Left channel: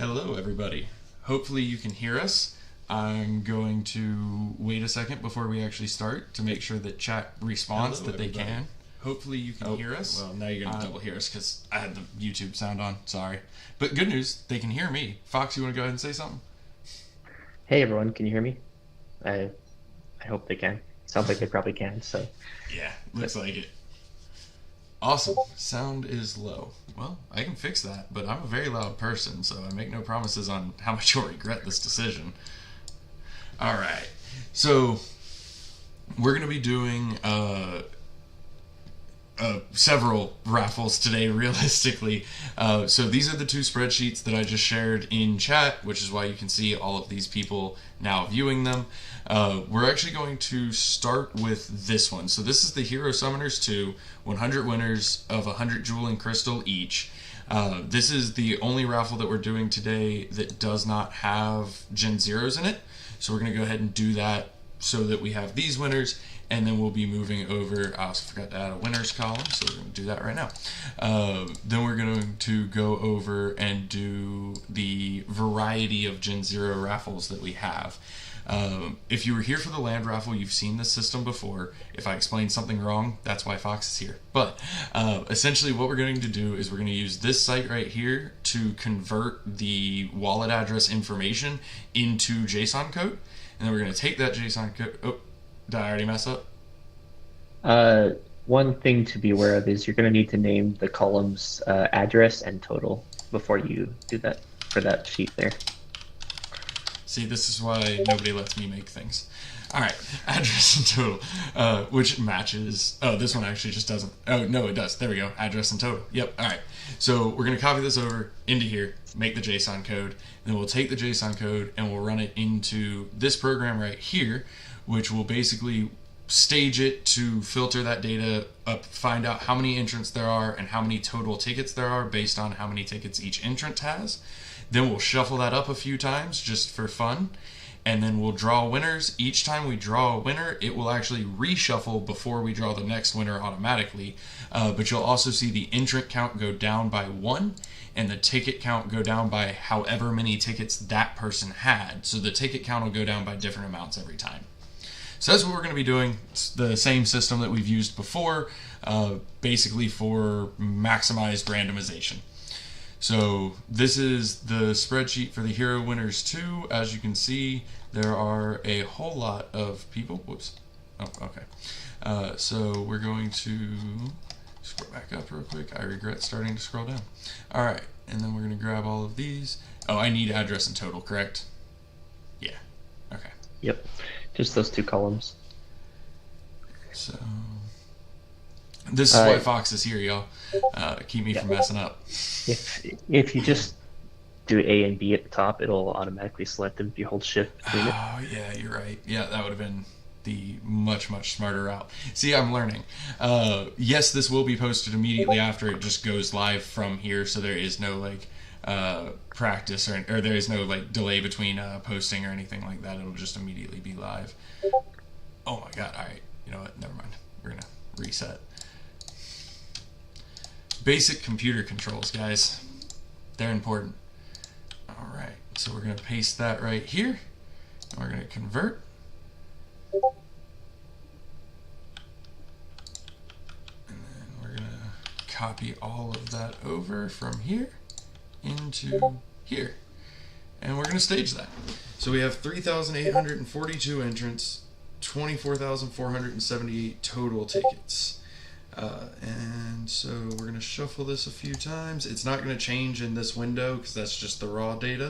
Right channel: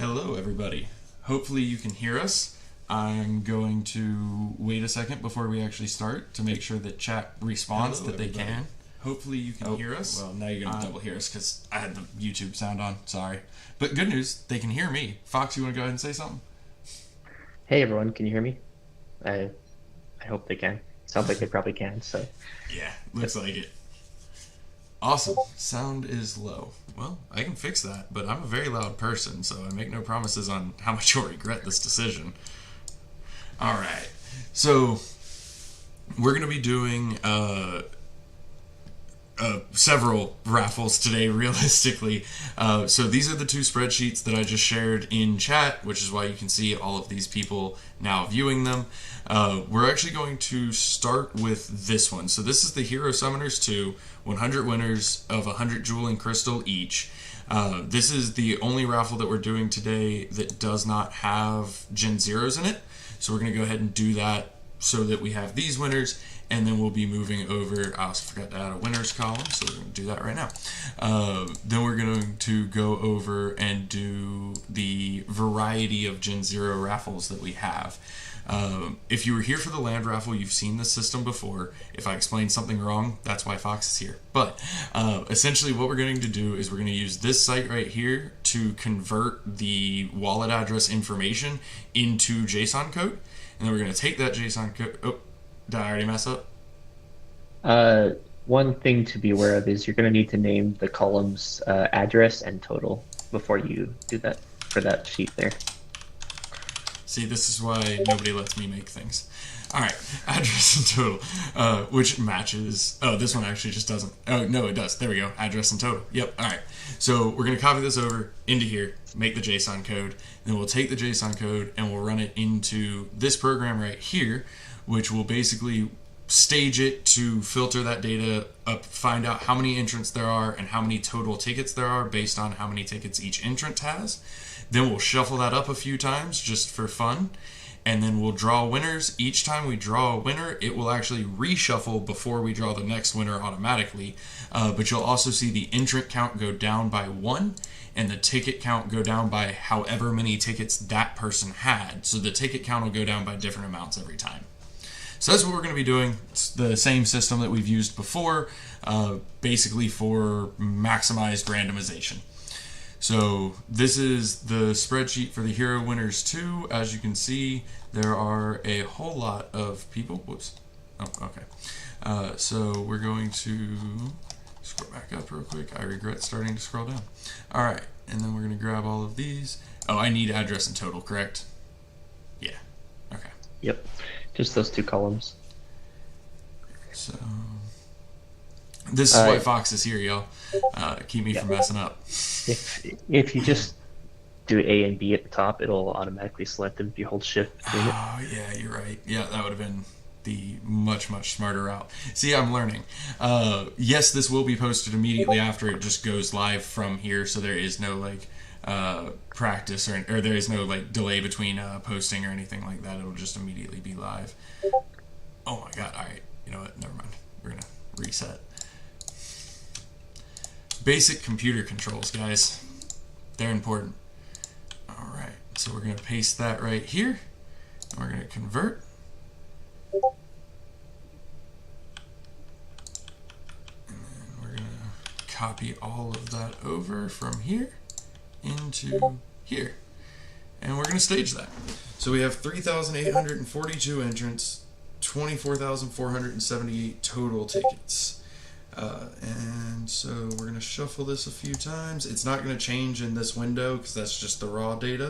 Hello, everybody. Hopefully you can hear us. I'm going to wait a second before we actually start to make sure that chat responds that they can. Hopefully you can hear us. Well, now you're going to double hear us because I had the YouTube sound on. Sorry. But good news, they can hear me. Fox, you want to go ahead and say something? Hey everyone, can you hear me? I I hope they can. Sounds like they probably can, so Yeah, yep. looks like it. Awesome. Sound is low. Well, I can fix that, but I'm a very loud person, so I make no promises on how much you'll regret this decision. All right. So we're going to be doing several raffles today, realistically. So these are the two spreadsheets that I just shared in chat, which is why you can see all of these people now viewing them. We're actually going to start with this one. So this is the Hero Summoners 2, 100 winners of 100 Jewel and Crystal each. This is the only raffle that we're doing today that does not have Gen 0s in it. So we're going to go ahead and do that so that we have these winners, and then we'll be moving over. I also forgot to add a winners column, so we're going to do that right now. Then we're going to go over and do the variety of Gen 0 raffles that we have. If you were here for the land raffle, you've seen this system before. If I explain something wrong, that's why Fox is here. But essentially what we're going to do is we're going to use this site right here to convert the wallet address information into JSON code. And then we're going to take that JSON code. Oh, did I already mess up? Uh, One thing to be aware of is you're going to need to name the columns address and total before you do that for that sheet there. See, this is why nobody lets me make things. All right, address and total, which matches. Oh, this one actually just doesn't. Oh, no, it does. There we go. Address and total. Yep. All right. So we're going to copy this over into here, make the JSON code. Then we'll take the JSON code and we'll run it into this program right here, which will basically stage it to filter that data up, find out how many entrants there are and how many total tickets there are based on how many tickets each entrant has. Then we'll shuffle that up a few times just for fun, and then we'll draw winners. Each time we draw a winner, it will actually reshuffle before we draw the next winner automatically. But you'll also see the entrant count go down by one, and the ticket count go down by however many tickets that person had. So the ticket count will go down by different amounts every time. So that's what we're going to be doing. It's the same system that we've used before, basically for maximized randomization. So this is the spreadsheet for the Hero Winners 2. As you can see, there are a whole lot of people. Whoops. Oh, okay. So we're going to scroll back up real quick. I regret starting to scroll down. All right, and then we're going to grab all of these. Oh, I need address and total, correct? Yeah. Okay. Yep, just those two columns. So this is why Uh, Fox is here, y'all. Keep me yeah, from messing up. if you just do A and B at the top, it'll automatically select them if you hold Shift between it. Oh, yeah, you're right. Yeah, that would have been the much smarter route. See, I'm learning. Yes, this will be posted immediately after it just goes live from here, so there is no practice or there is no delay between posting or anything like that. It'll just immediately be live. Oh my god! All right, you know what? Never mind. We're gonna reset. Basic computer controls, guys. They're important. All right, so we're gonna paste that right here. We're gonna convert. We're gonna copy all of that over from here into here. And we're going to stage that. So we have 3,842 entrants, 24,478 total tickets. And so we're going to shuffle this a few times. It's not going to change in this window because that's just the raw data,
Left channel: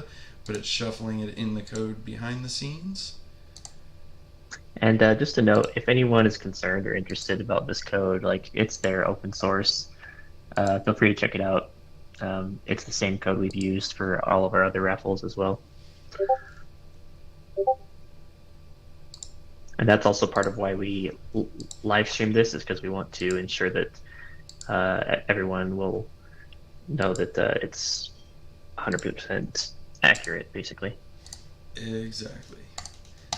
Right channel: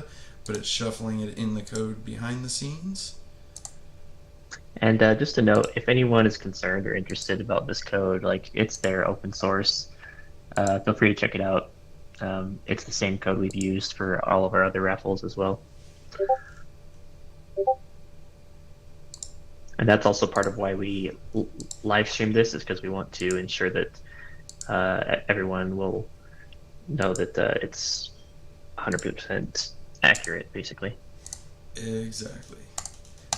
but it's shuffling it in the code behind the scenes. And just a note, if anyone is concerned or interested about this code, like it's there, open source. Feel free to check it out. It's the same code we've used for all of our other raffles as well. And that's also part of why we live stream this, is because we want to ensure that everyone will know that it's 100% accurate, basically. Exactly.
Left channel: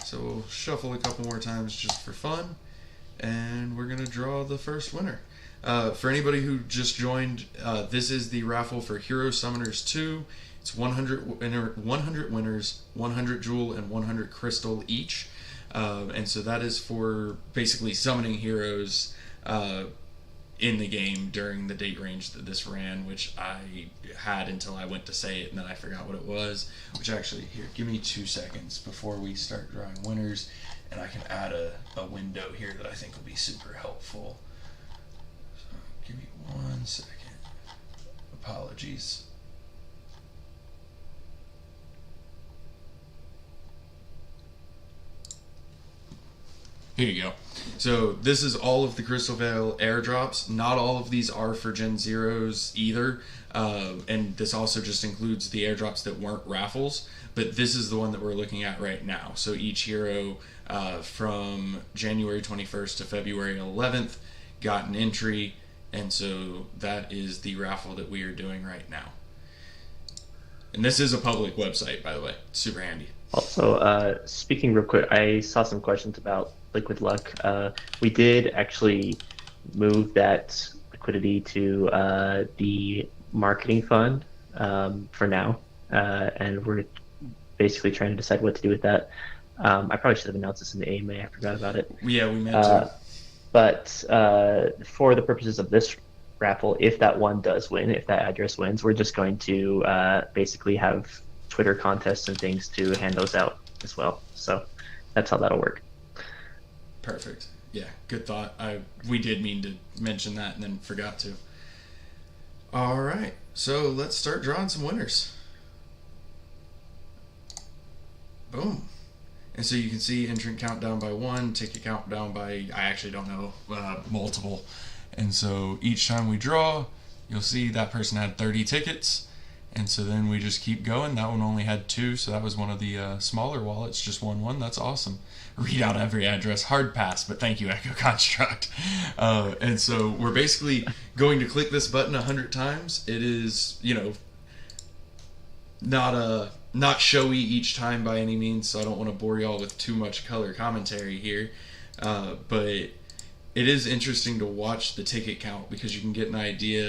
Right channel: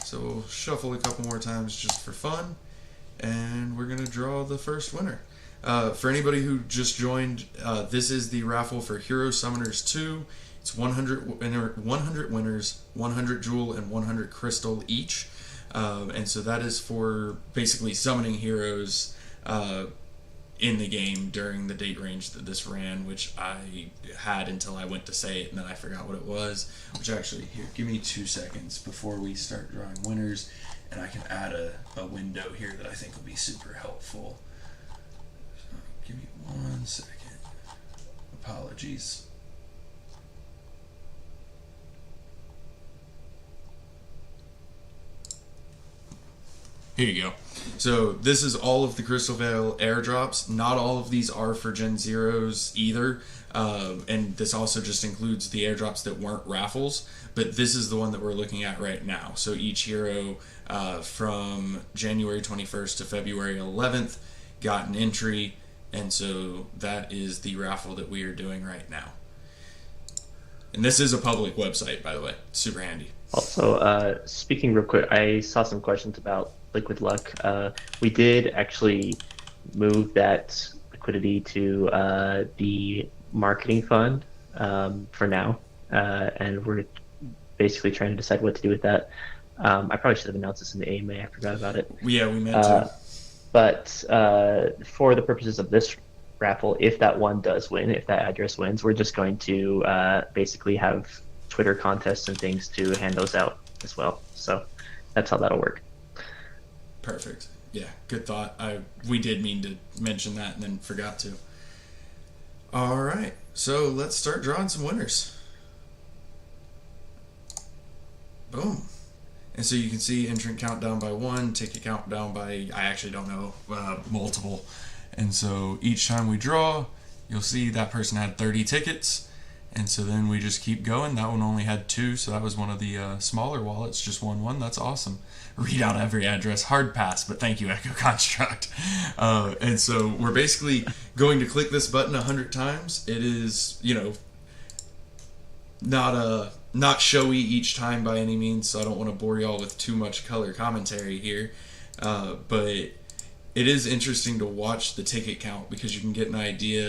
So we'll shuffle a couple more times just for fun, and we're going to draw the first winner. For anybody who just joined, this is the raffle for Hero Summoners 2. It's 100 winners, 100 jewel, and 100 crystal each. And so that is for basically summoning heroes in the game during the date range that this ran, which I had until I went to say it, and then I forgot what it was. Which actually, here, give me 2 seconds before we start drawing winners, and I can add a window here that I think will be super helpful. So, give me 1 second. Apologies. Here you go. So this is all of the Crystalvale airdrops. Not all of these are for Gen 0s either, and this also just includes the airdrops that weren't raffles, but this is the one that we're looking at right now. So each hero from January 21st to February 11th got an entry, and so that is the raffle that we are doing right now. And this is a public website, by the way. Super handy. Also, speaking real quick, I saw some questions about Liquid Luck. We did actually move that liquidity to the marketing fund for now, and we're basically trying to decide what to do with that. I probably should have announced this in the AMA. I forgot about it. Yeah, we meant to. But for the purposes of this raffle, if that one does win, if that address wins, we're just going to basically have Twitter contests and things to hand those out as well. So that's how that'll work. Perfect. Yeah, good thought. We did mean to mention that and then forgot to. All right, so let's start drawing some winners. Boom. And so you can see entrant countdown by 1, ticket countdown by, I actually don't know, multiple. And so each time we draw, you'll see that person had 30 tickets. And so then we just keep going. That one only had 2, so that was one of the smaller wallets, just 1. That's awesome. Read out every address. Hard pass, but thank you, Echo Construct. And so we're basically going to click this button 100 times. It is, not showy each time by any means, so I don't want to bore y'all with too much color commentary here. But it is interesting to watch the ticket count because you can get an idea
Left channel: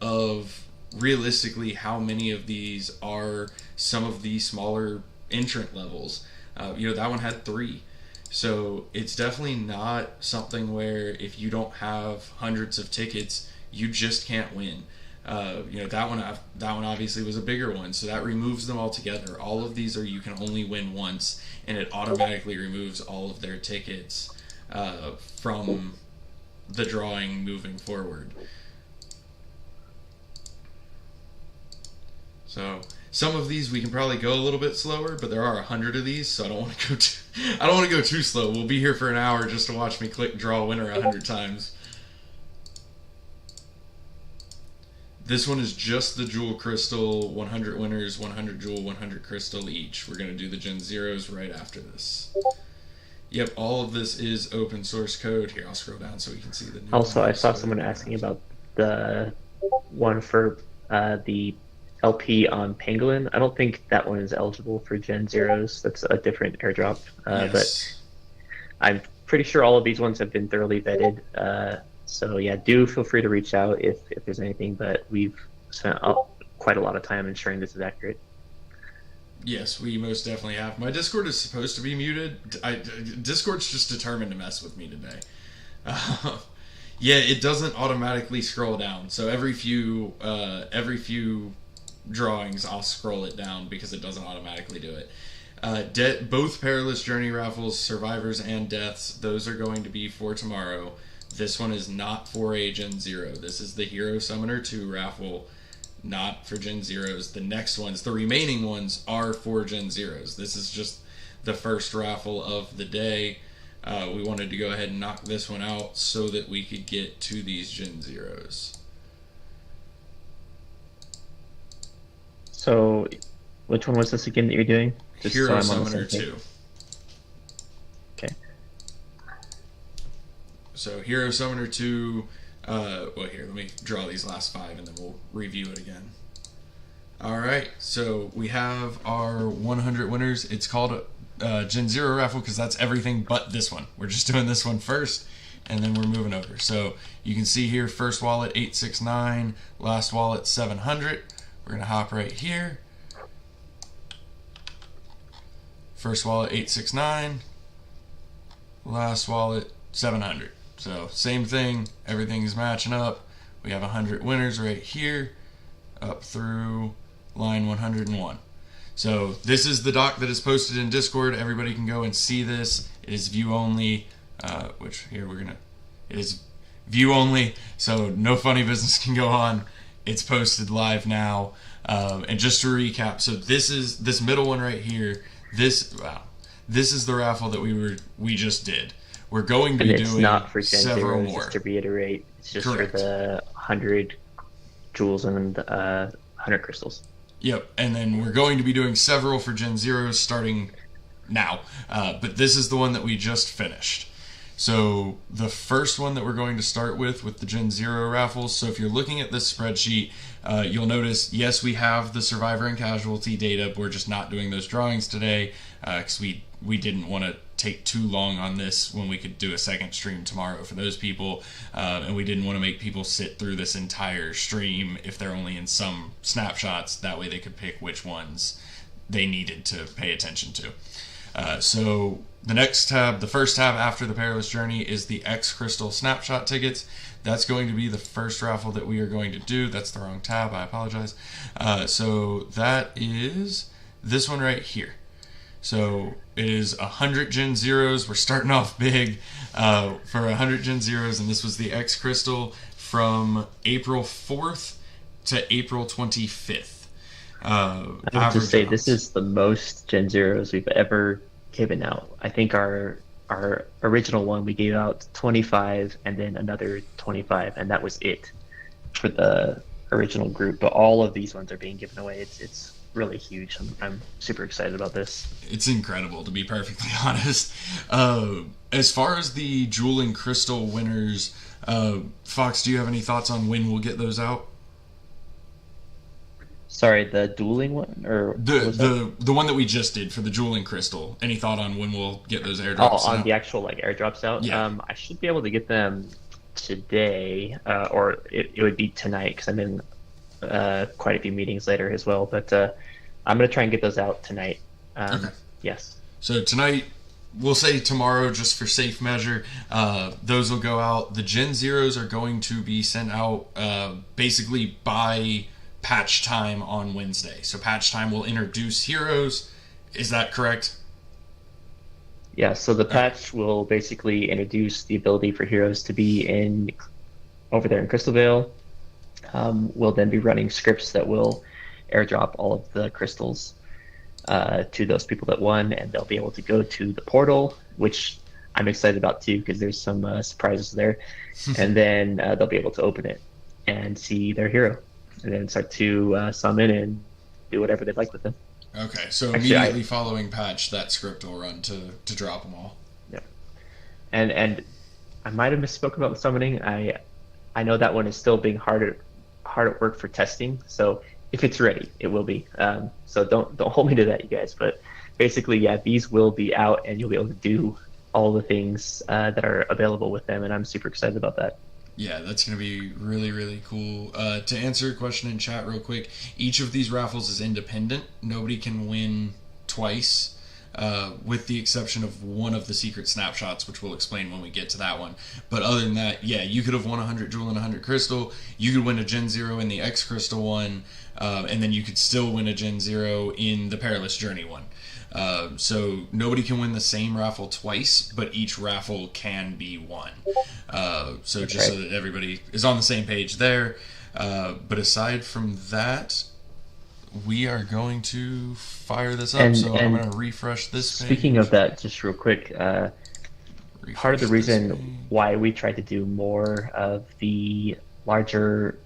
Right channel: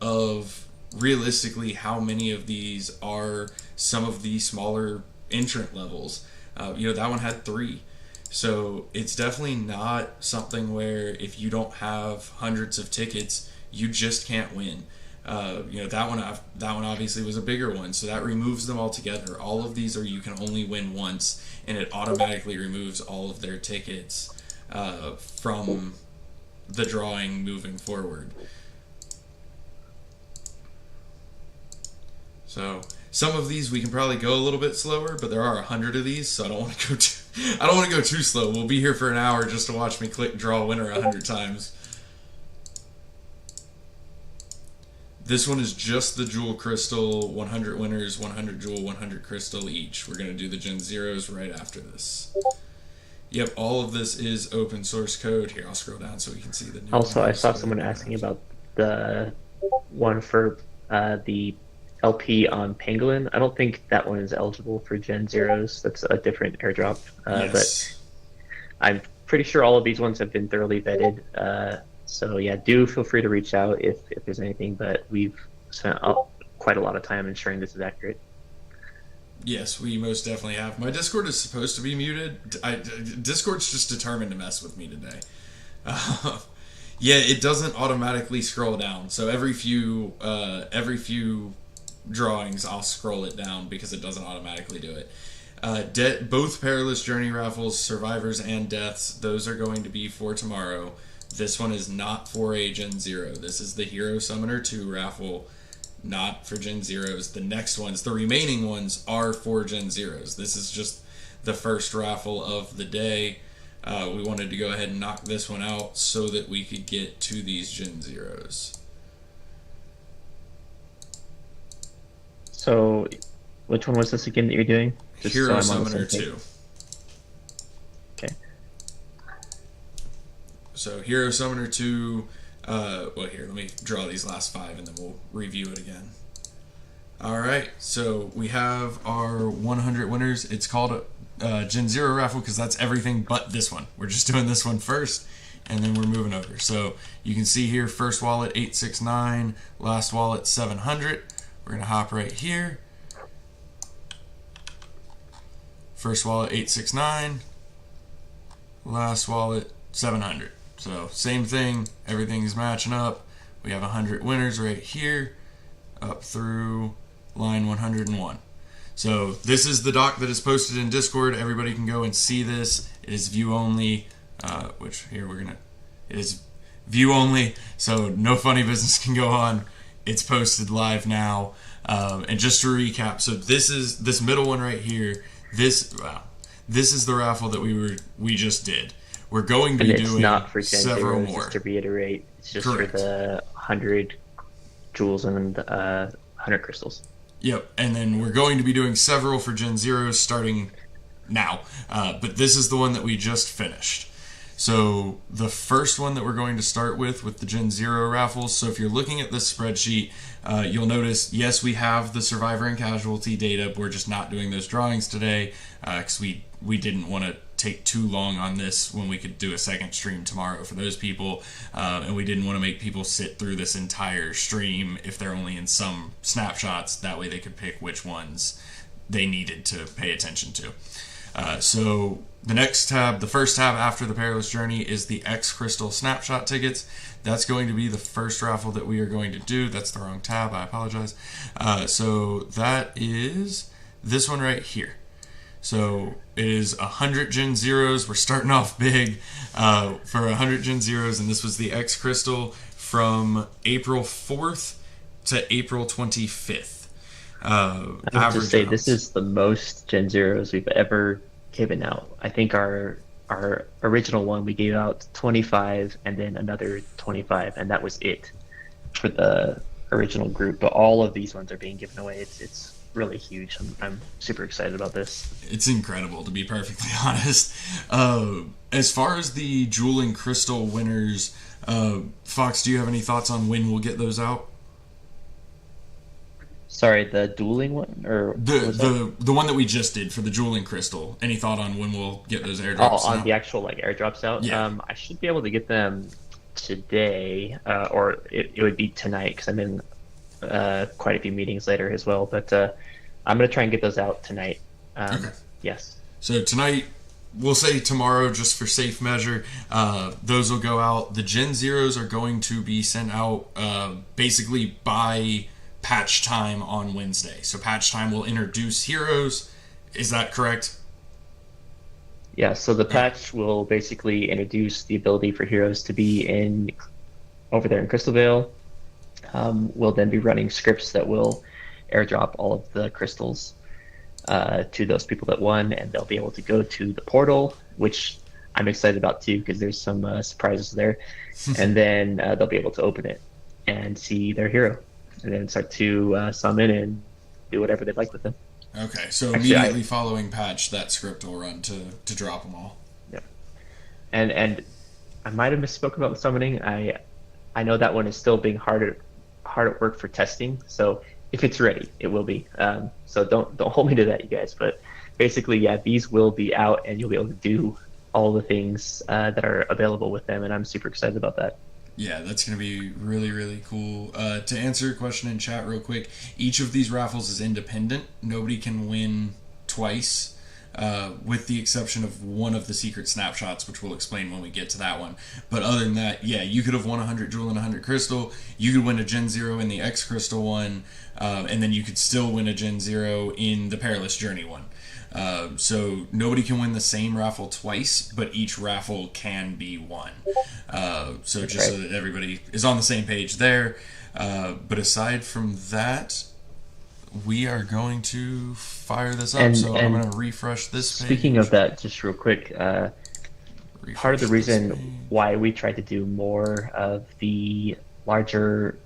of realistically how many of these are some of the smaller entrant levels. That one had 3. So it's definitely not something where if you don't have hundreds of tickets, you just can't win. That one obviously was a bigger one, so that removes them all together. All of these are you can only win once, and it automatically removes all of their tickets from the drawing moving forward. So some of these we can probably go a little bit slower, but there are 100 of these, so I don't want to go too slow. We'll be here for an hour just to watch me click draw winner 100 times. This one is just the jewel crystal, 100 winners, 100 jewel, 100 crystal each. We're going to do the Gen 0s right after this. Yep, all of this is open source code. Here, I'll scroll down so we can see the numbers. Also, I saw someone asking about the one for the LP on Pangolin. I don't think that one is eligible for Gen 0s. That's a different airdrop. Yes. But I'm pretty sure all of these ones have been thoroughly vetted. So yeah, do feel free to reach out if there's anything, but we've spent quite a lot of time ensuring this is accurate. Yes, we most definitely have. My Discord is supposed to be muted. Discord's just determined to mess with me today. Yeah, it doesn't automatically scroll down. So every few drawings, I'll scroll it down because it doesn't automatically do it. Both Perilous Journey raffles, Survivors and Deaths, those are going to be for tomorrow. This one is not for a Gen 0. This is the Hero Summoner 2 raffle, not for Gen 0s. The next ones, the remaining ones, are for Gen 0s. This is just the first raffle of the day. We wanted to go ahead and knock this one out so that we could get to these Gen 0s. So, which one was this again that you're doing? Just Hero so I'm on the Summoner same page. 2. Okay. So Hero Summoner 2, well here, let me draw these last 5 and then we'll review it again. Alright, so we have our 100 winners. It's called a Gen 0 raffle because that's everything but this one. We're just doing this one first and then we're moving over. So you can see here, first wallet 869, last wallet 700. We're going to hop right here First wallet 869, last wallet 700. So same thing, everything is matching up. We have 100 winners right here, up through line 101. So this is the doc that is posted in Discord. Everybody can go and see this. It is view only, which here it is view only, so no funny business can go on. It's posted live now. And just to recap, so this middle one right here. This is the raffle that we just did. We're going to And be it's doing not for Gen several 0, more. just to reiterate. It's just Correct. for the 100 jewels and 100 crystals. Yep, and then we're going to be doing several for Gen 0 starting now. But this is the one that we just finished. So the first one that we're going to start with the Gen 0 raffles. So if you're looking at this spreadsheet, you'll notice, yes, we have the survivor and casualty data. But we're just not doing those drawings today because we didn't want to take too long on this when we could do a second stream tomorrow for those people, and we didn't want to make people sit through this entire stream if they're only in some snapshots. That way they could pick which ones they needed to pay attention to. So the next tab, the first tab after the Perilous Journey, is the X Crystal Snapshot tickets. That's going to be the first raffle that we are going to do. That's the wrong tab, I apologize. So that is this one right here. So it is 100 Gen 0s. We're starting off big for 100 Gen 0s, and this was the X Crystal from April 4th to April 25th. I would just say this is the most Gen 0s we've ever given out. I think our original one, we gave out 25 and then another 25, and that was it for the original group. But all of these ones are being given away. It's really huge. I'm super excited about this. It's incredible, to be perfectly honest. As far as the Jewel and Crystal winners, Fox, do you have any thoughts on when we'll get those out? Sorry, the dueling one, or what was that? The one that we just did for the Jewel and Crystal. Any thought on when we'll get those airdrops Oh, on out? the actual like airdrops out. Yeah. I should be able to get them today, or it would be tonight because I'm in quite a few meetings later as well. But I'm gonna try and get those out tonight. Okay. Yes. So tonight, we'll say tomorrow just for safe measure, those will go out. The Gen 0s are going to be sent out basically by patch time on Wednesday. So patch time will introduce heroes. Is that correct? Yeah. So the patch will basically introduce the ability for heroes to be over there in Crystalvale. We'll then be running scripts that will airdrop all of the crystals to those people that won, and they'll be able to go to the portal, which I'm excited about too because there's some surprises there, and then they'll be able to open it and see their hero, and then start to summon and do whatever they'd like with them. Okay, so Actually, immediately following patch, that script will run to drop them all. Yeah, and I might have misspoken about the summoning. I know that one is still being hard at work for testing, so if it's ready, it will be. So don't hold me to that, you guys. But basically, yeah, these will be out, and you'll be able to do all the things that are available with them, and I'm super excited about that. Yeah, that's going to be really, really cool. To answer your question in chat real quick, each of these raffles is independent. Nobody can win twice, with the exception of one of the secret snapshots, which we'll explain when we get to that one. But other than that, yeah, you could have won 100 Jewel and 100 Crystal. You could win a Gen 0 in the X Crystal one, and then you could still win a Gen 0 in the Perilous Journey one. So nobody can win the same raffle twice, but each raffle can be won. So That's just right. so that everybody is on the same page there. But aside from that, we are going to fire this up. And- So I'm and going to refresh this Speaking page. of that, just real quick, part of the reason why we tried to do more of the larger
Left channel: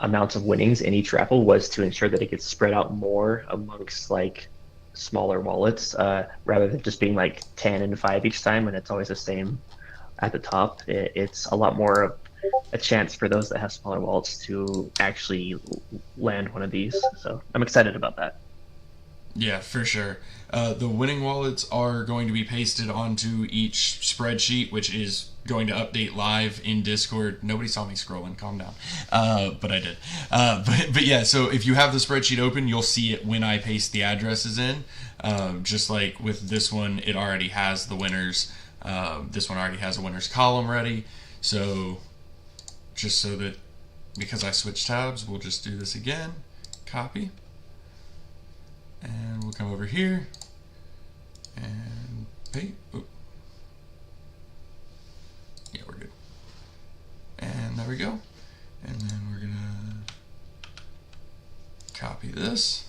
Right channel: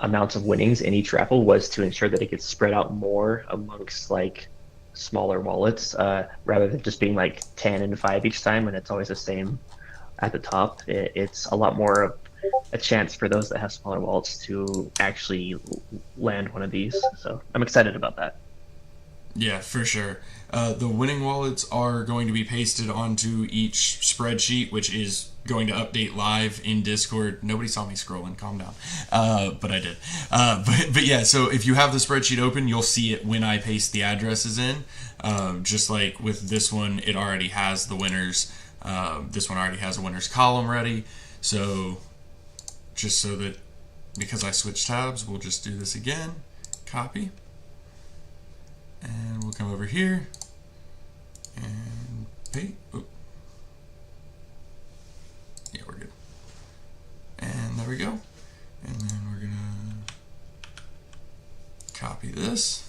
amounts of winnings in each raffle was to ensure that it gets spread out more amongst like smaller wallets, rather than just being like 10 and 5 each time, and it's always the same at the top. It's a lot more of a chance for those that have smaller wallets to actually land one of these. So I'm excited about that. Yeah, for sure. The winning wallets are going to be pasted onto each spreadsheet, which is going to update live in Discord. Nobody saw me scrolling, calm down. But I did. But yeah, so if you have the spreadsheet open, you'll see it when I paste the addresses in. Just like with this one, it already has the winners. This one already has a winners column ready. So just so that, because I switched tabs, we'll just do this again. Copy. And we'll come over here. And paste. Oh. Yeah, we're good. And there we go. And then we're going to copy this.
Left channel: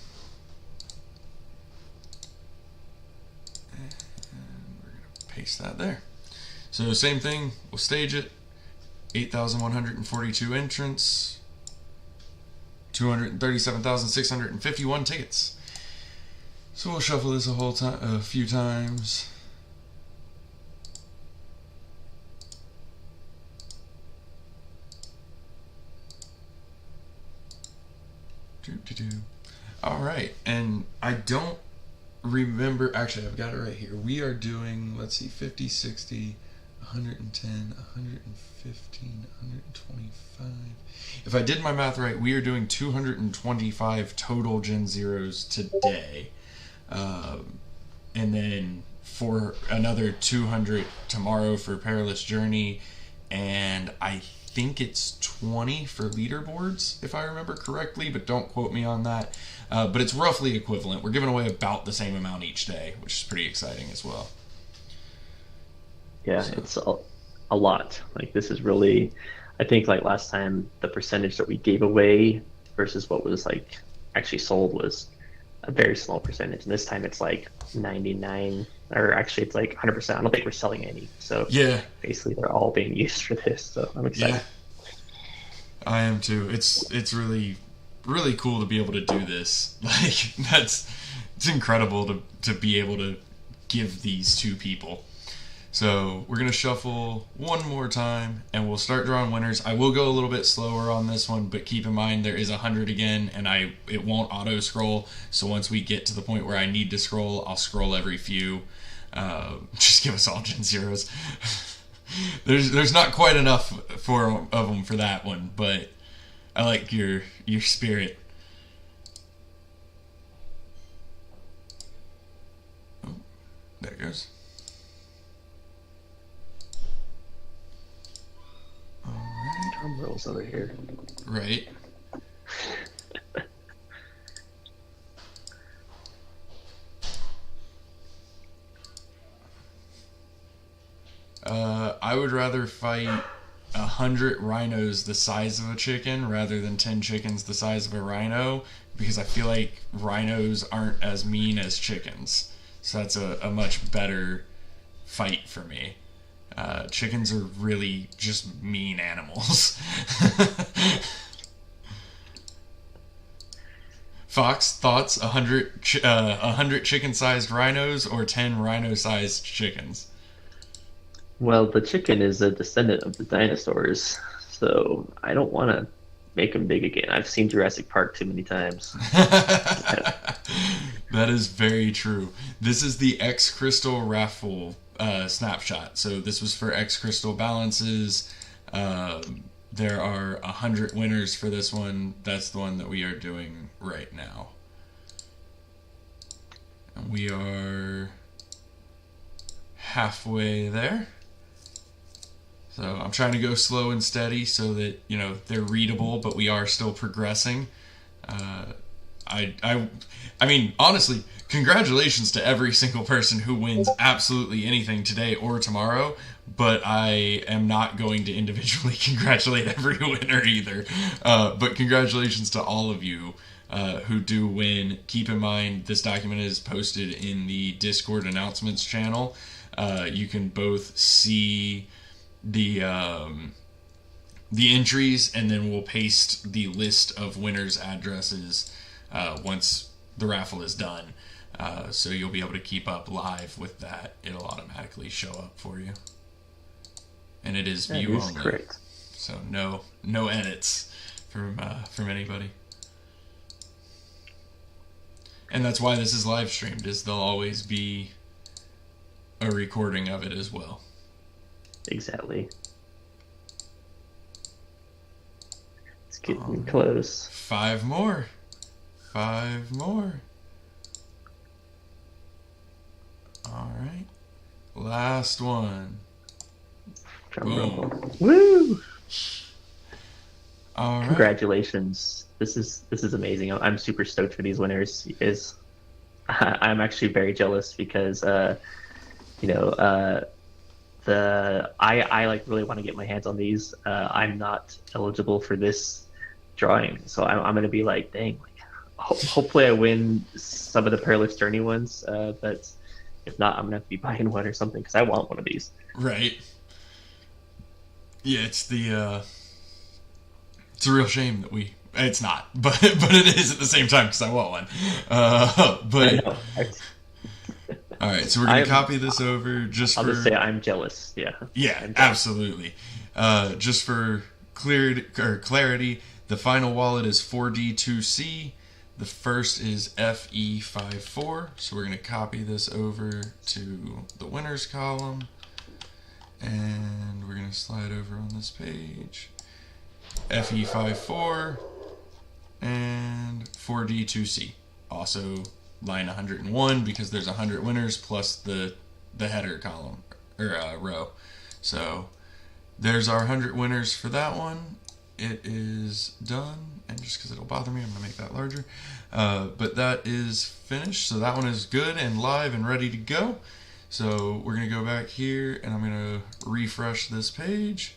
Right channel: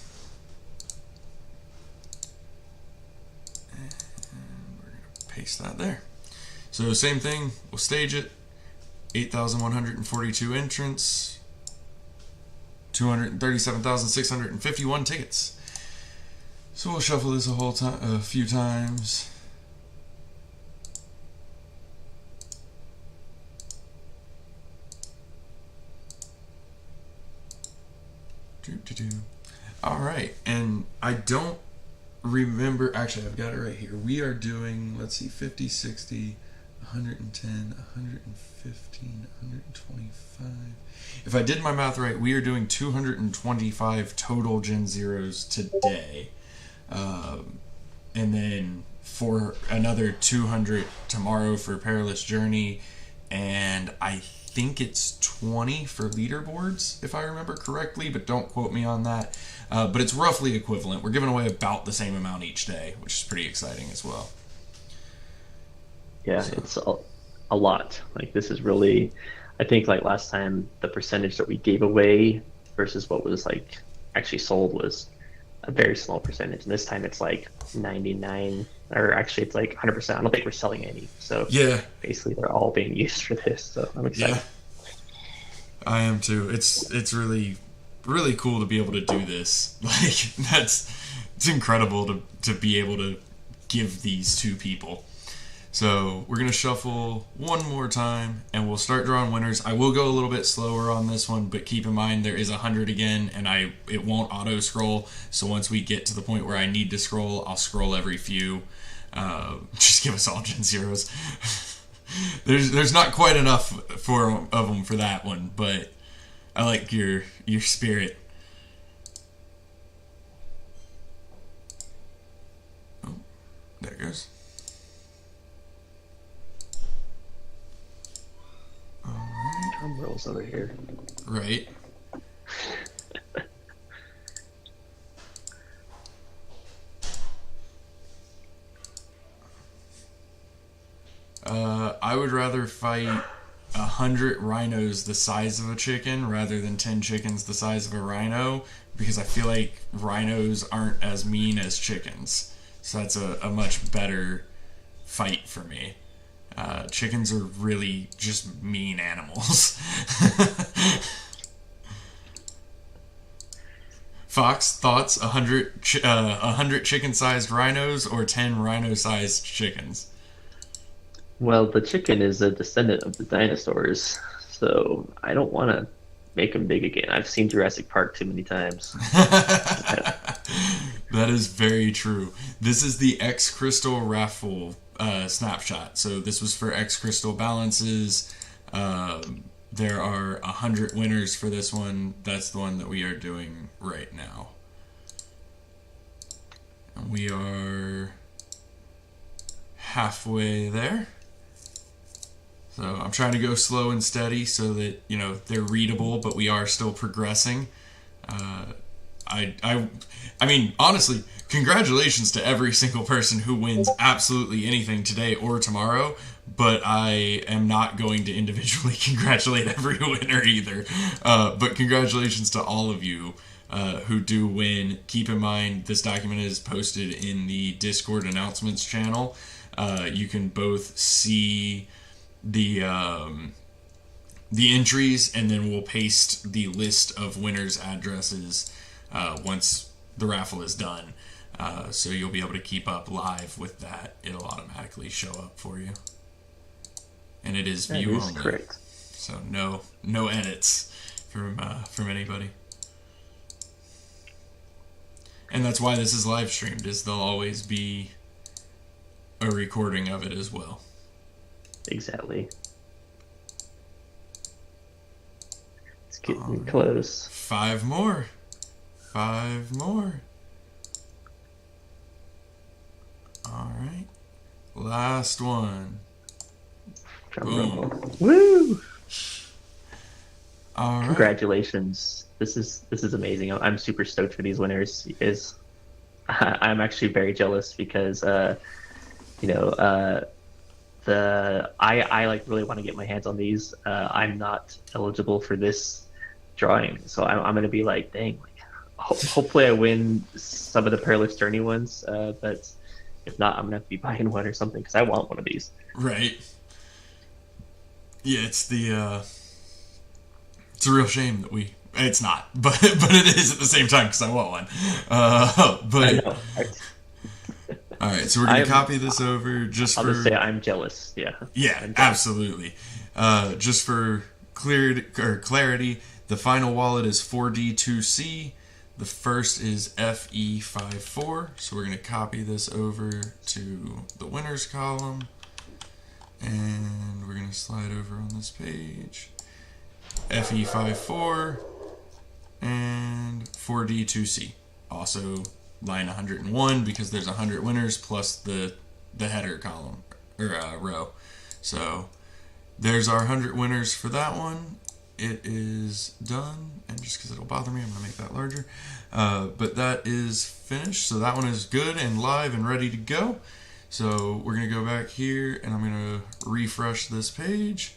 Paste that there. So same thing, we'll stage it. 8,142 entrants, 237,651 tickets. So we'll shuffle this a few times. All right, and I don't remember, actually I've got it right here. We are doing, let's see, 50, 60, 110, 115, 125. If I did my math right, we are doing 225 total Gen Zeros today. And then for another 200 tomorrow for Perilous Journey, and I think it's 20 for leaderboards, if I remember correctly, but don't quote me on that. But it's roughly equivalent. We're giving away about the same amount each day, which is pretty exciting as well. Yeah, it's a lot. Like this is really, I think like last time the percentage that we gave away versus what was like actually sold was a very small percentage. And this time it's like 99, or actually it's like 100%. I don't think we're selling any. So Yeah, basically they're all being used for this. So I'm yeah, excited. I am too. It's really cool to be able to do this. Like it's incredible to be able to give these to people. So we're going to shuffle one more time, and we'll start drawing winners. I will go a little bit slower on this one, but keep in mind there is 100 again, and it won't auto-scroll. So once we get to the point where I need to scroll, I'll scroll every few. Just give us all Gen Zeros. There's not quite enough of them for that one, but I like your spirit. Oh, there it goes. Drum rolls over here. Right. I would rather fight 100 rhinos the size of a chicken rather than 10 chickens the size of a rhino, because I feel like rhinos aren't as mean as chickens. So that's a much better fight for me. Chickens are really just mean animals. Fox, thoughts? 100 chicken-sized rhinos or 10 rhino-sized chickens? Well, the chicken is a descendant of the dinosaurs, so I don't want to make them big again. I've seen Jurassic Park too many times. That is very true. This is the X Crystal Raffle snapshot. So this was for X Crystal balances. There are 100 winners for this one. That's the one that we are doing right now. We are halfway there. So I'm trying to go slow and steady so that, they're readable, but we are still progressing. I mean, honestly, congratulations to every single person who wins absolutely anything today or tomorrow, but I am not going to individually congratulate every winner either. But congratulations to all of you who do win. Keep in mind, this document is posted in the Discord announcements channel. You can both see the entries, and then we'll paste the list of winners' addresses once the raffle is done. So you'll be able to keep up live with that. It'll automatically show up for you. And it is That view is only. correct. So no edits from anybody. And that's why this is live streamed, is there'll always be a recording of it as well. Exactly. It's getting close. 5 more. 5 more. last one. Drum roll. Woo! All right. Congratulations. This is amazing. I'm super stoked for these winners. I'm actually very jealous because you know, I like really want to get my hands on these. I'm not eligible for this drawing, so I'm gonna be like, dang, like hopefully I win some of the Perilous Journey ones. But if not, I'm gonna have to be buying one or something because I want one of these. Right. Yeah, it's a real shame that we. It's not, but it is at the same time because I want one. I But know. all right, so we're gonna I'm. copy this over just I'll for just say I'm jealous. Yeah, yeah, I'm jealous. absolutely. Just for clarity, the final wallet is 4D2C. The first is FE54. So we're gonna copy this over to the winners column, and we're gonna slide over on this page. FE54 and 4D2C. Also line 101 because there's 100 winners plus the header column or row. So there's our 100 winners for that one. It is done, and just because it'll bother me, I'm going to make that larger. But that is finished, so that one is good and live and ready to go. So we're going to go back here, and I'm going to refresh this page.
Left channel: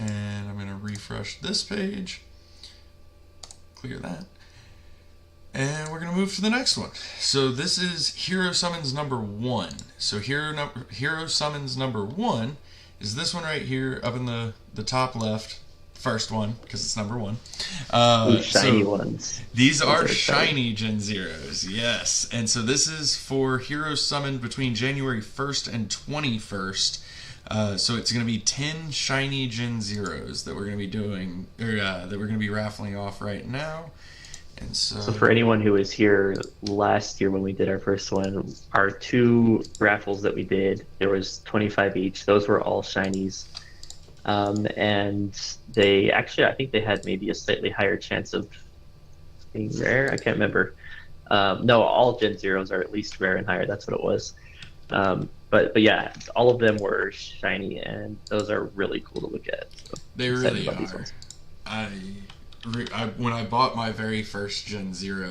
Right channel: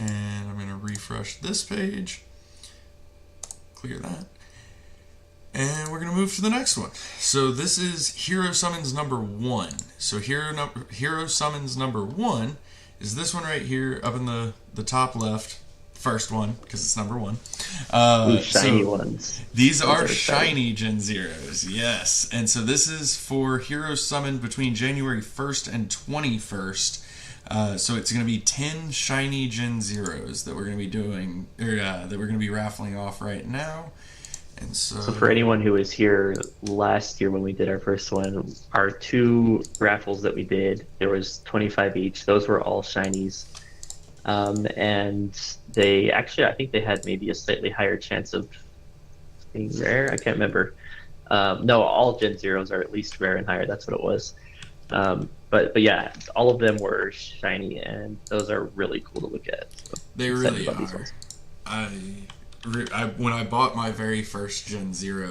And I'm going to refresh this page, clear that, and we're going to move to the next one. So this is Hero Summons number 1. So Hero Summons number 1 is this one right here up in the top left, first one, because it's number 1. Ooh, shiny ones. These are shiny Gen 0s, yes. And so this is for Hero Summon between January 1st and 21st. So it's going to be 10 shiny Gen 0s that we're going to be doing, or that we're going to be raffling off right now. And So for anyone who was here last year when we did our first one, our 2 raffles that we did, there was 25 each. Those were all shinies. And they actually, I think they had maybe a slightly higher chance of being rare. I can't remember. No, all Gen 0s are at least rare and higher. That's what it was. But yeah, all of them were shiny, and those are really cool to look at. So they I'm excited really about are. these ones. When I bought my very first Gen 0,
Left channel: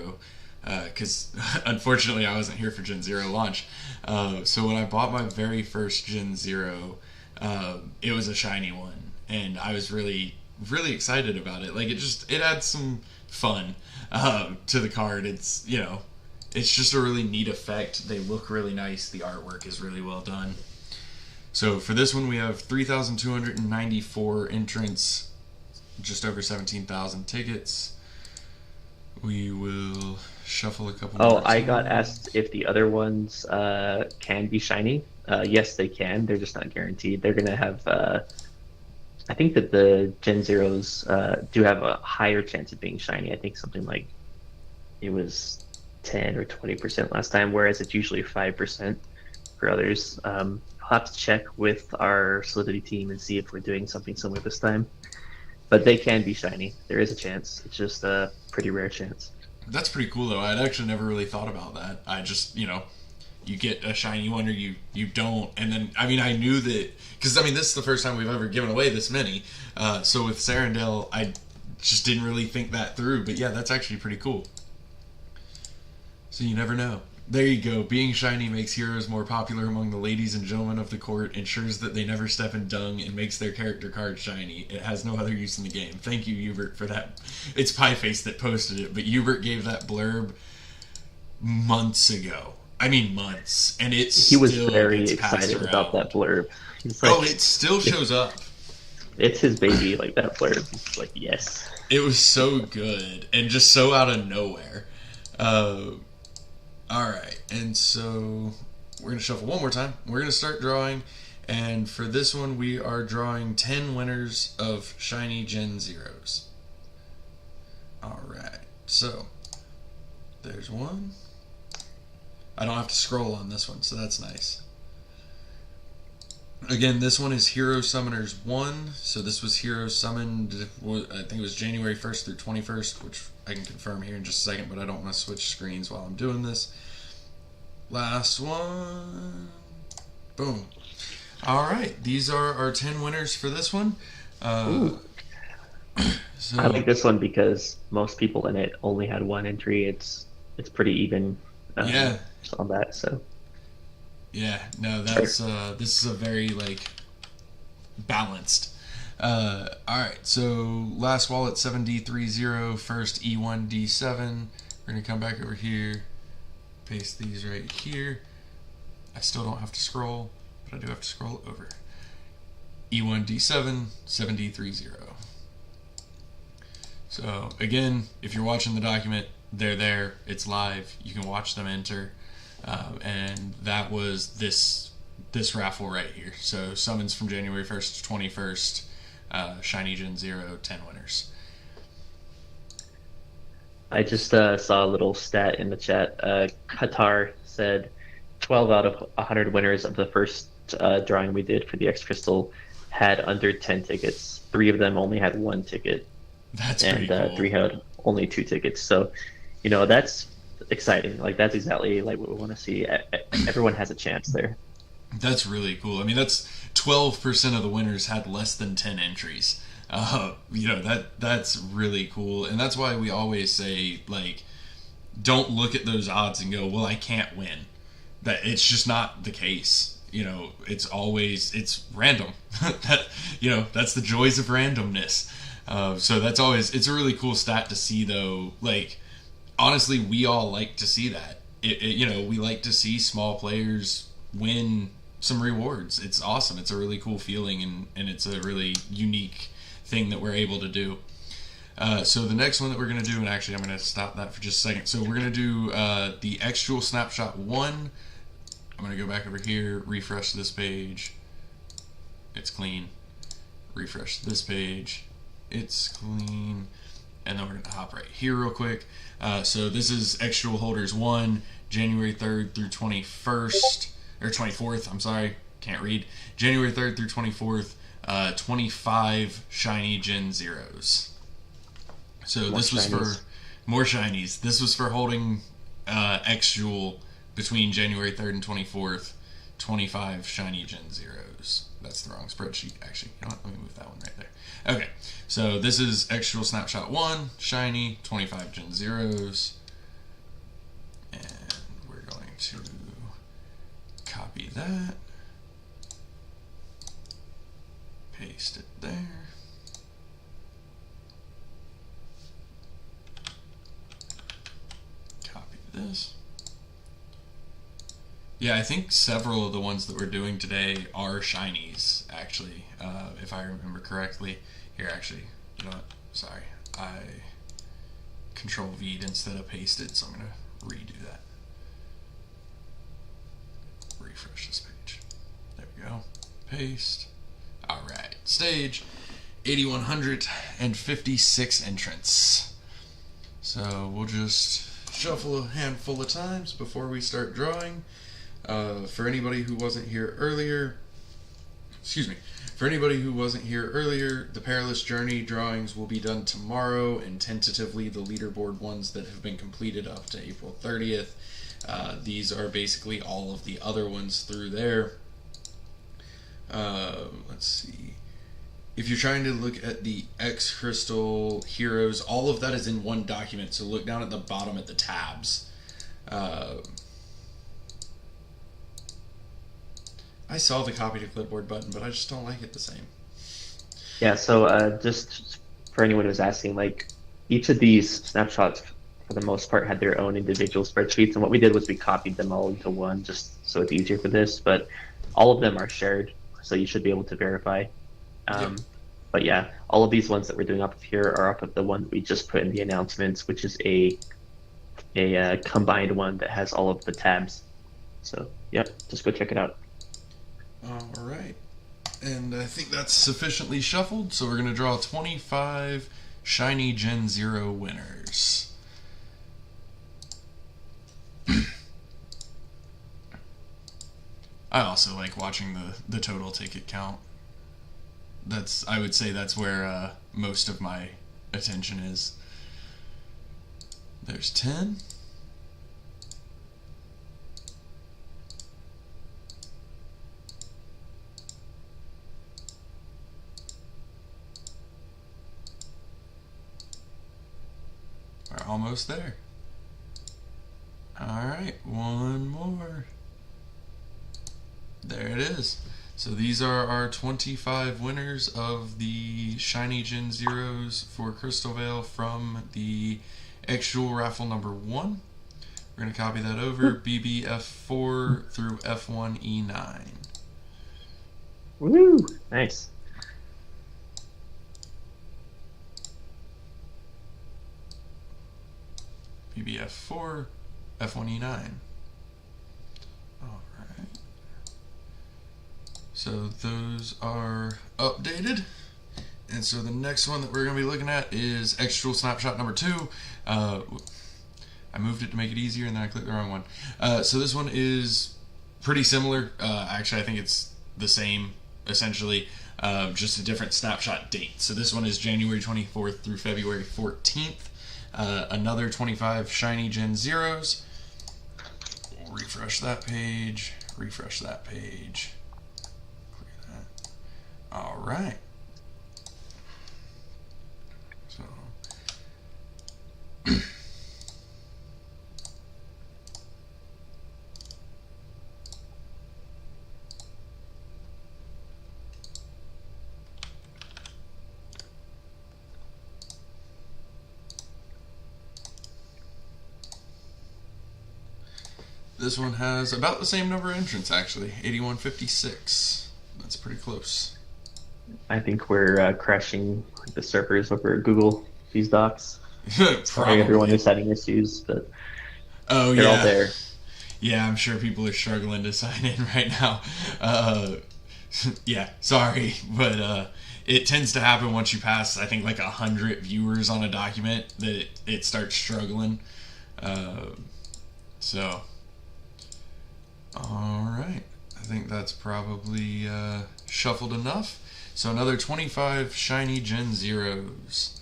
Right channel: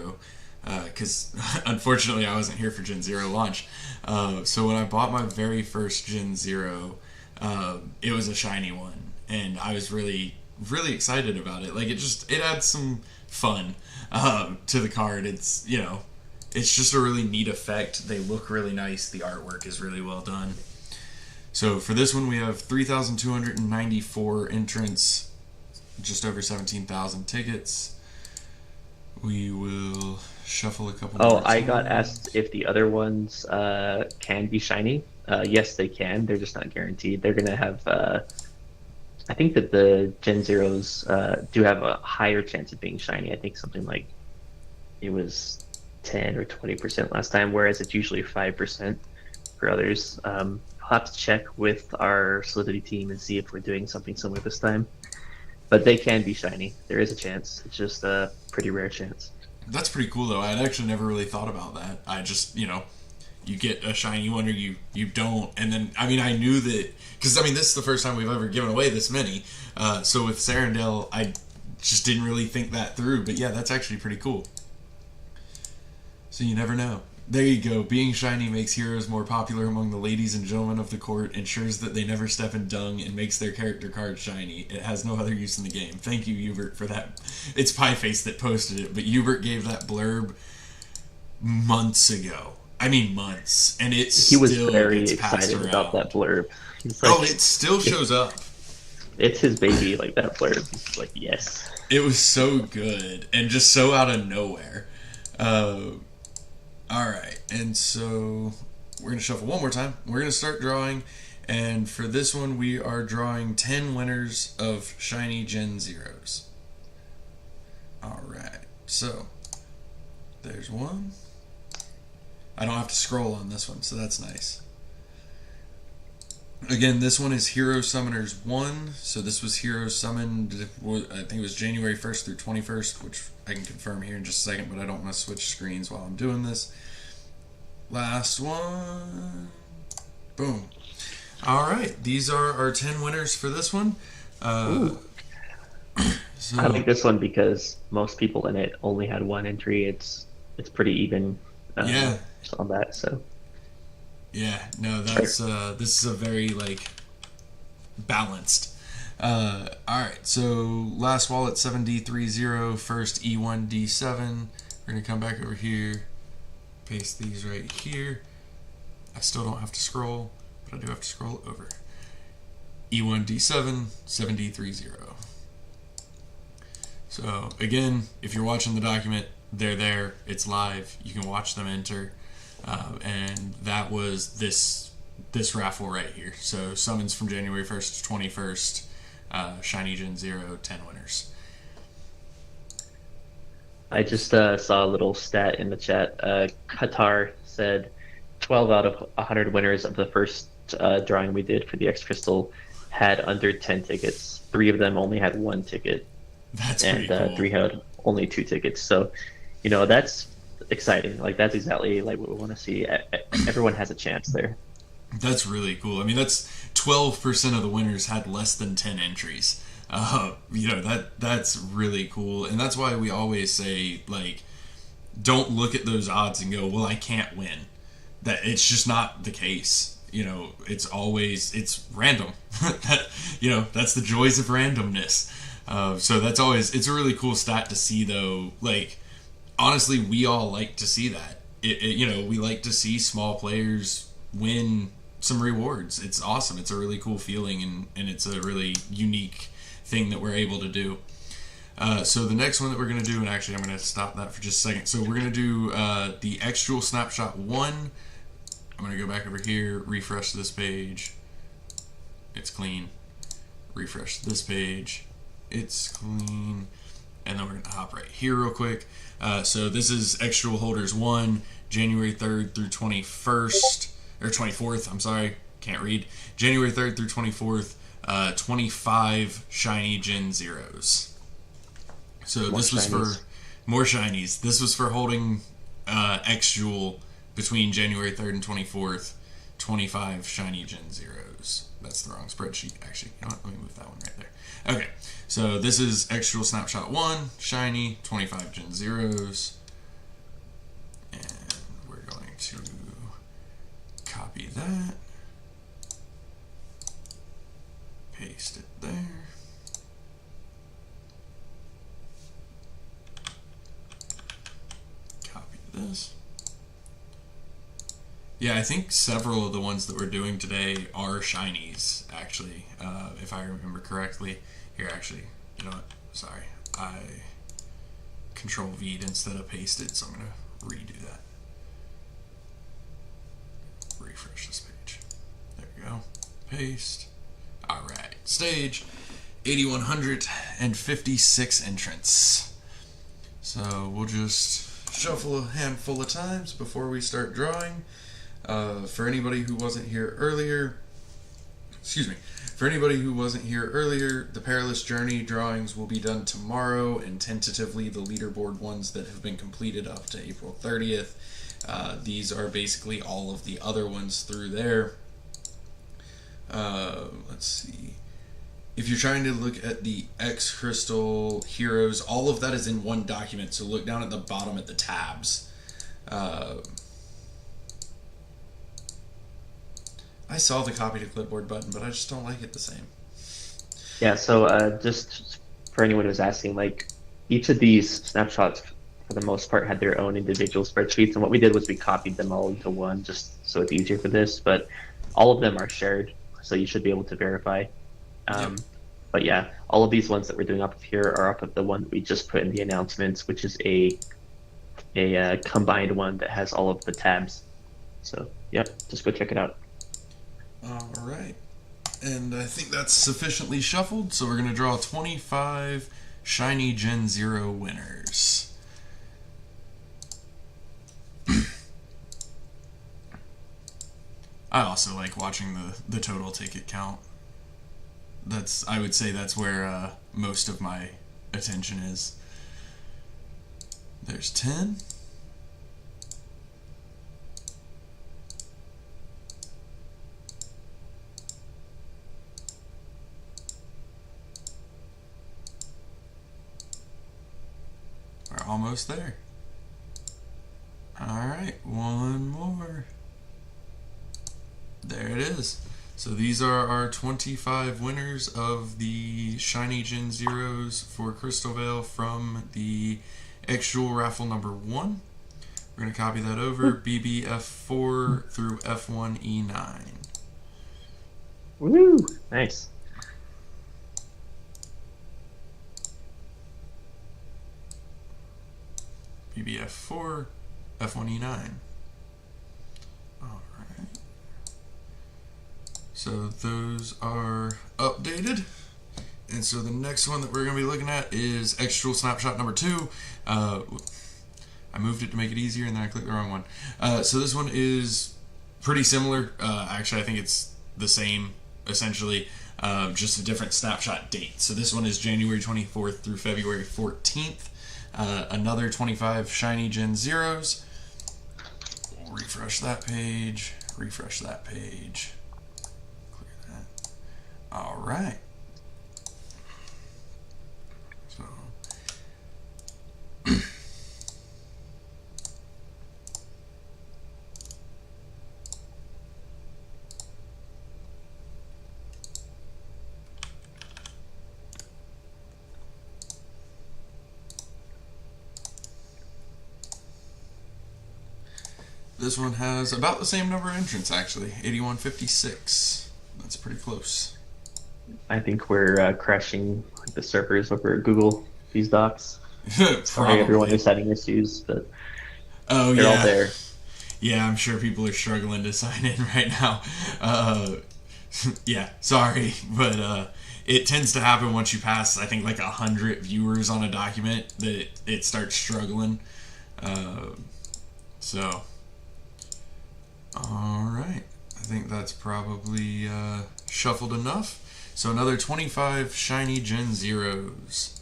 because unfortunately I wasn't here for Gen 0 launch, so when I bought my very first Gen 0, it was a shiny one, and I was really, really excited about it. Like, it adds some fun to the card. It's, it's just a really neat effect. They look really nice. The artwork is really well done. So for this one, we have 3,294 entrants, just over 17,000 tickets. We will shuffle a couple. Oh, I got asked if the other ones can be shiny. Yes, they can. They're just not guaranteed. They're going to have... I think that the Gen 0s do have a higher chance of being shiny. I think something like it was 10 or 20% last time, whereas it's usually 5% for others. I'll have to check with our Solidity team and see if we're doing something similar this time. But they can be shiny. There is a chance. It's just a pretty rare chance. That's pretty cool, though. I'd actually never really thought about that. I just, you get a shiny one or you don't. And then, I knew that, because, this is the first time we've ever given away this many. So with Sarandale, I just didn't really think that through. But yeah, that's actually pretty cool. So you never know. There you go. Being shiny makes heroes more popular among the ladies and gentlemen of the court, ensures that they never step in dung, and makes their character card shiny. It has no other use in the game. Thank you, Hubert, for that. It's Pieface that posted it, but Hubert gave that blurb months ago. Months. And he was very excited about that blurb. He's like, it still shows up. It's his baby, like that blurb. He's like, yes. It was so good, and just so out of nowhere. Alright, and so we're going to shuffle one more time. We're going to start drawing, and for this one we are drawing 10 winners of shiny Gen 0s. Alright, so there's one. I don't have to scroll on this one, so that's nice. Again, this one is Hero Summoners 1, so this was Hero Summoned, I think it was January 1st through 21st, which I can confirm here in just a second, but I don't want to switch screens while I'm doing this. Last one. Boom. All right, these are our 10 winners for this one. Ooh, So I like this one because most people in it only had one entry. It's pretty even yeah, on that. So, yeah, no, all right. that's this is a very like balanced. All right, so last wallet 7D30, first E1D7. We're gonna come back over here, paste these right here. I still don't have to scroll, but I do have to scroll over. E1D7, 7D30. So again, if you're watching the document, they're there. It's live. You can watch them enter. And that was this raffle right here. So summons from January 1st to 21st. Shiny Gen 0, 10 winners. I just saw a little stat in the chat. Qatar said 12 out of 100 winners of the first drawing we did for the X Crystal had under 10 tickets. Three of them only had one ticket, That's and pretty cool. three had only two tickets. So, that's exciting. Like that's exactly like what we want to see. Everyone has a chance there. That's really cool. I mean, that's 12% of the winners had less than 10 entries. That's really cool, and that's why we always say like, don't look at those odds and go, well, I can't win. That it's just not the case. It's random. that that's the joys of randomness. So that's always it's a really cool stat to see though. Like honestly, we all like to see that. We like to see small players win some rewards. It's awesome. It's a really cool feeling, and it's a really unique thing that we're able to do. So the next one that we're going to do, and actually I'm going to stop that for just a second. So we're going to do the Extral Snapshot 1. I'm going to go back over here, refresh this page. It's clean. Refresh this page. It's clean. And then we're going to hop right here real quick. So this is Extral Holders 1, January 3rd through 21st, or 24th, I'm sorry, can't read. January 3rd through 24th, 25 Shiny Gen Zeros. So More this was for shinies. more shinies. This was for holding X Jewel between January 3rd and 24th. 25 shiny Gen Zeros. That's the wrong spreadsheet, actually. You know what? Let me move that one right there. Okay, so this is X Jewel Snapshot 1, shiny, 25 Gen Zeros. And we're going to copy that, paste it there. Copy this. Yeah, I think several of the ones that we're doing today are shinies, actually, if I remember correctly. Here, actually, you know what? Sorry. I Control V instead of paste it, so I'm going to redo that. Refresh this page. There we go. Paste. Alright. Stage 8,156 entrants. So we'll just shuffle a handful of times before we start drawing. For anybody who wasn't here earlier, the Perilous Journey drawings will be done tomorrow, and tentatively the leaderboard ones that have been completed up to April 30th. These are basically all of the other ones through there. Let's see. If you're trying to look at the X Crystal Heroes, all of that is in one document, so look down at the bottom at the tabs. I saw the copy to clipboard button, but I just don't like it the same. Yeah. So just for anyone who's asking, like each of these snapshots, for the most part, had their own individual spreadsheets, and what we did was we copied them all into one, just so it's easier for this. But all of them are shared, so you should be able to verify. Yep. But yeah, all of these ones that we're doing up here are up of the one that we just put in the announcements, which is a combined one that has all of the tabs. So yep, just go check it out. Alright. And I think that's sufficiently shuffled, so we're going to draw 25 Shiny Gen 0 winners. I also like watching the total ticket count. I would say that's where most of my attention is. There's 10. almost there. Alright, one more. There it is. So these are our 25 winners of the Shiny Gen Zeros for Crystalvale from the X-Jewel Raffle number 1. We're going to copy that over, BBF4 through F1E9. Woo! Nice. BBF4, F1E9. So those are updated. And so the next one that we're going to be looking at is X-Jewel Snapshot number 2. I moved it to make it easier and then I clicked the wrong one. So this one is pretty similar. Actually, I think it's the same, essentially, just a different snapshot date. So this one is January 24th through February 14th. Another 25 Shiny Gen Zeros. Refresh that page. Refresh that page. Alright. So this one has about the same number of entrants, actually. 8156. That's pretty close. I think we're crashing the servers over at Google, these docs. Sorry, everyone who's having issues, but they're all there. Yeah, I'm sure people are struggling to sign in right now. Yeah, sorry, but it tends to happen once you pass, I think, like 100 viewers on a document that it starts struggling. So, alright, I think that's probably shuffled enough. So another 25 Shiny Gen Zeros.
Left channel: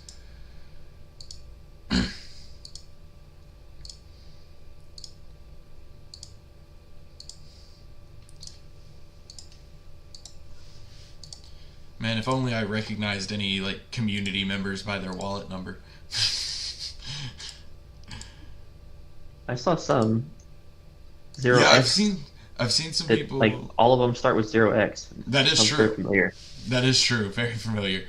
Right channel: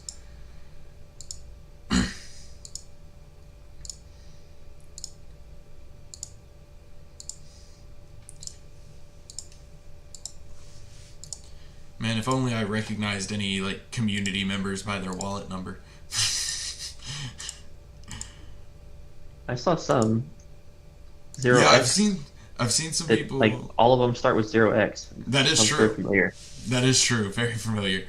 Man, if only I recognized any like community members by their wallet number. I saw some 0x. Yeah, I've seen some that, people. like all of them start with 0x. That is Sounds true. very familiar. That is true. Very familiar.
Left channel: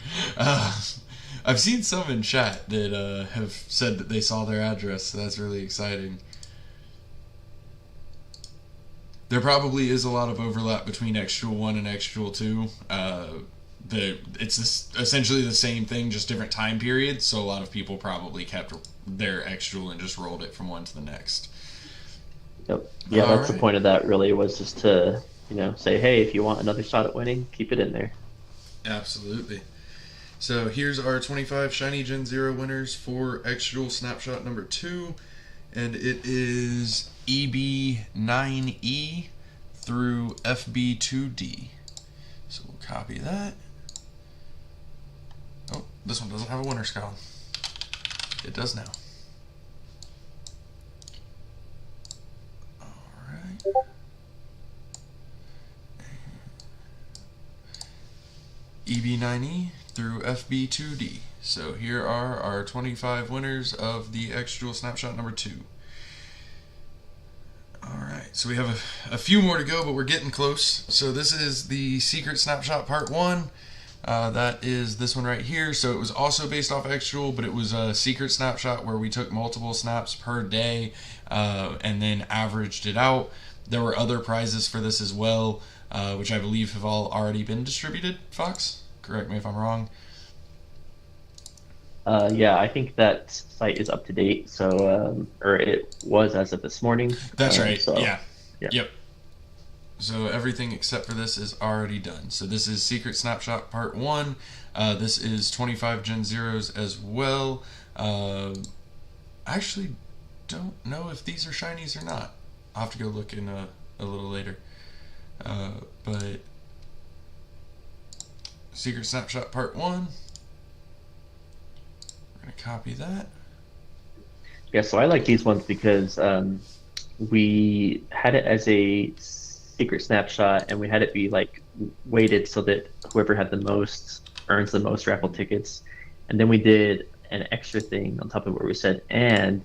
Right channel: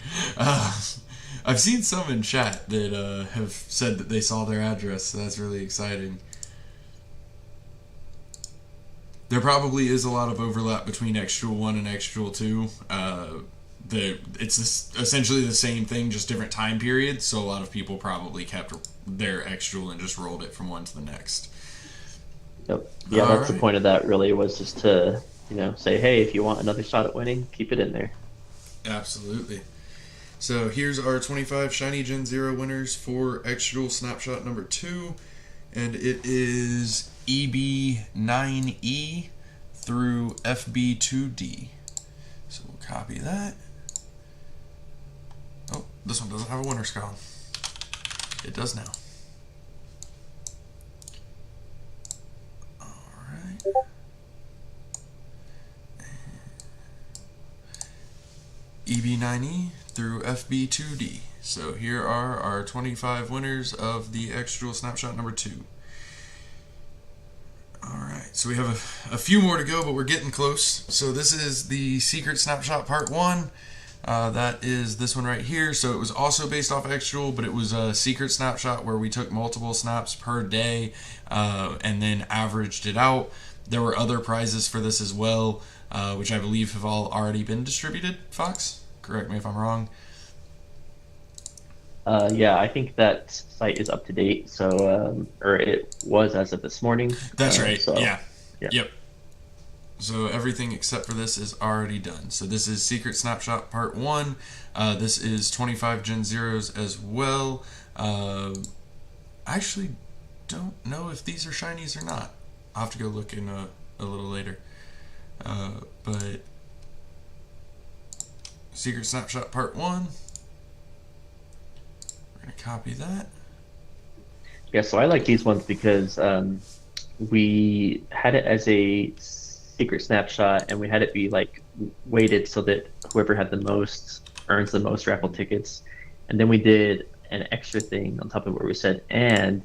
I've seen some in chat that have said that they saw their address, so that's really exciting. There probably is a lot of overlap between X-Jewel 1 and X-Jewel 2. It's essentially the same thing, just different time periods, so a lot of people probably kept their X-Jewel and just rolled it from one to the next. Yep. Yeah, that's the point of that, really, was just to, say, hey, if you want another shot at winning, keep it in there. Absolutely. So here's our 25 Shiny Gen 0 winners for X-Jewel Snapshot number 2, and it is EB9E through FB2D. So we'll copy that. Oh, this one doesn't have a winner's column. It does now. Alright. EB9E through FB2D. So here are our 25 winners of the X-Jewel Snapshot number 2. Alright, so we have a few more to go, but we're getting close. So this is the Secret Snapshot Part 1. That is this one right here. So it was also based off X-Jewel, but it was a secret snapshot where we took multiple snaps per day and then averaged it out. There were other prizes for this as well, which I believe have all already been distributed. Fox, correct me if I'm wrong. Yeah, I think that site is up to date. So, or it was as of this morning. That's right. So, yeah. Yep. So everything except for this is already done. So this is Secret Snapshot Part 1. This is 25 Gen Zeros as well. I actually don't know if these are shinies or not. I'll have to go look in a little later. But Secret Snapshot Part 1. Copy that. Yeah, so I like these ones because we had it as a secret snapshot and we had it be like weighted so that whoever had the most earns the most raffle tickets. And then we did an extra thing on top of what we said, and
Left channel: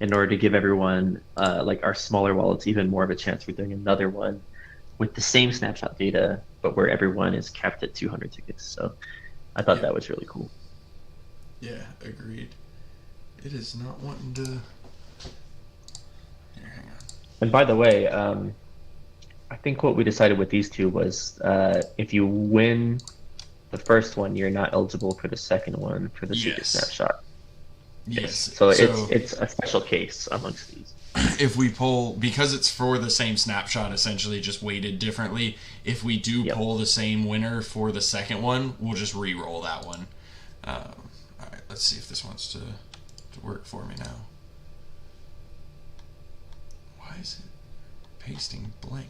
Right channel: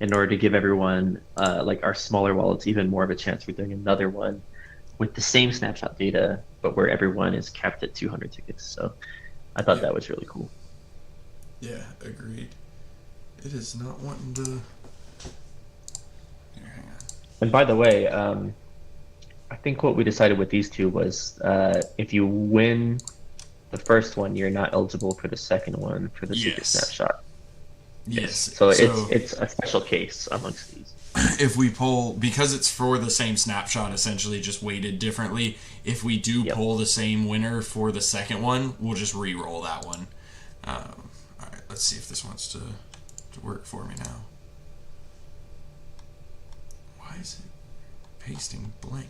in order to give everyone, like our smaller wallets, even more of a chance. We're doing another one with the same snapshot data, but where everyone is capped at 200 tickets. So I thought that was really cool. Yeah, agreed. It is not wanting to. And by the way, I think what we decided with these two was if you win the first one, you're not eligible for the second one for the secret Yes. snapshot. Yes. Yes. So So it's a special case amongst these. if we pull, because it's for the same snapshot, essentially just weighted differently, if we do Yep. pull the same winner for the second one, we'll just re-roll that one. All right, let's see if this wants to work for me now. Why is it pasting blank?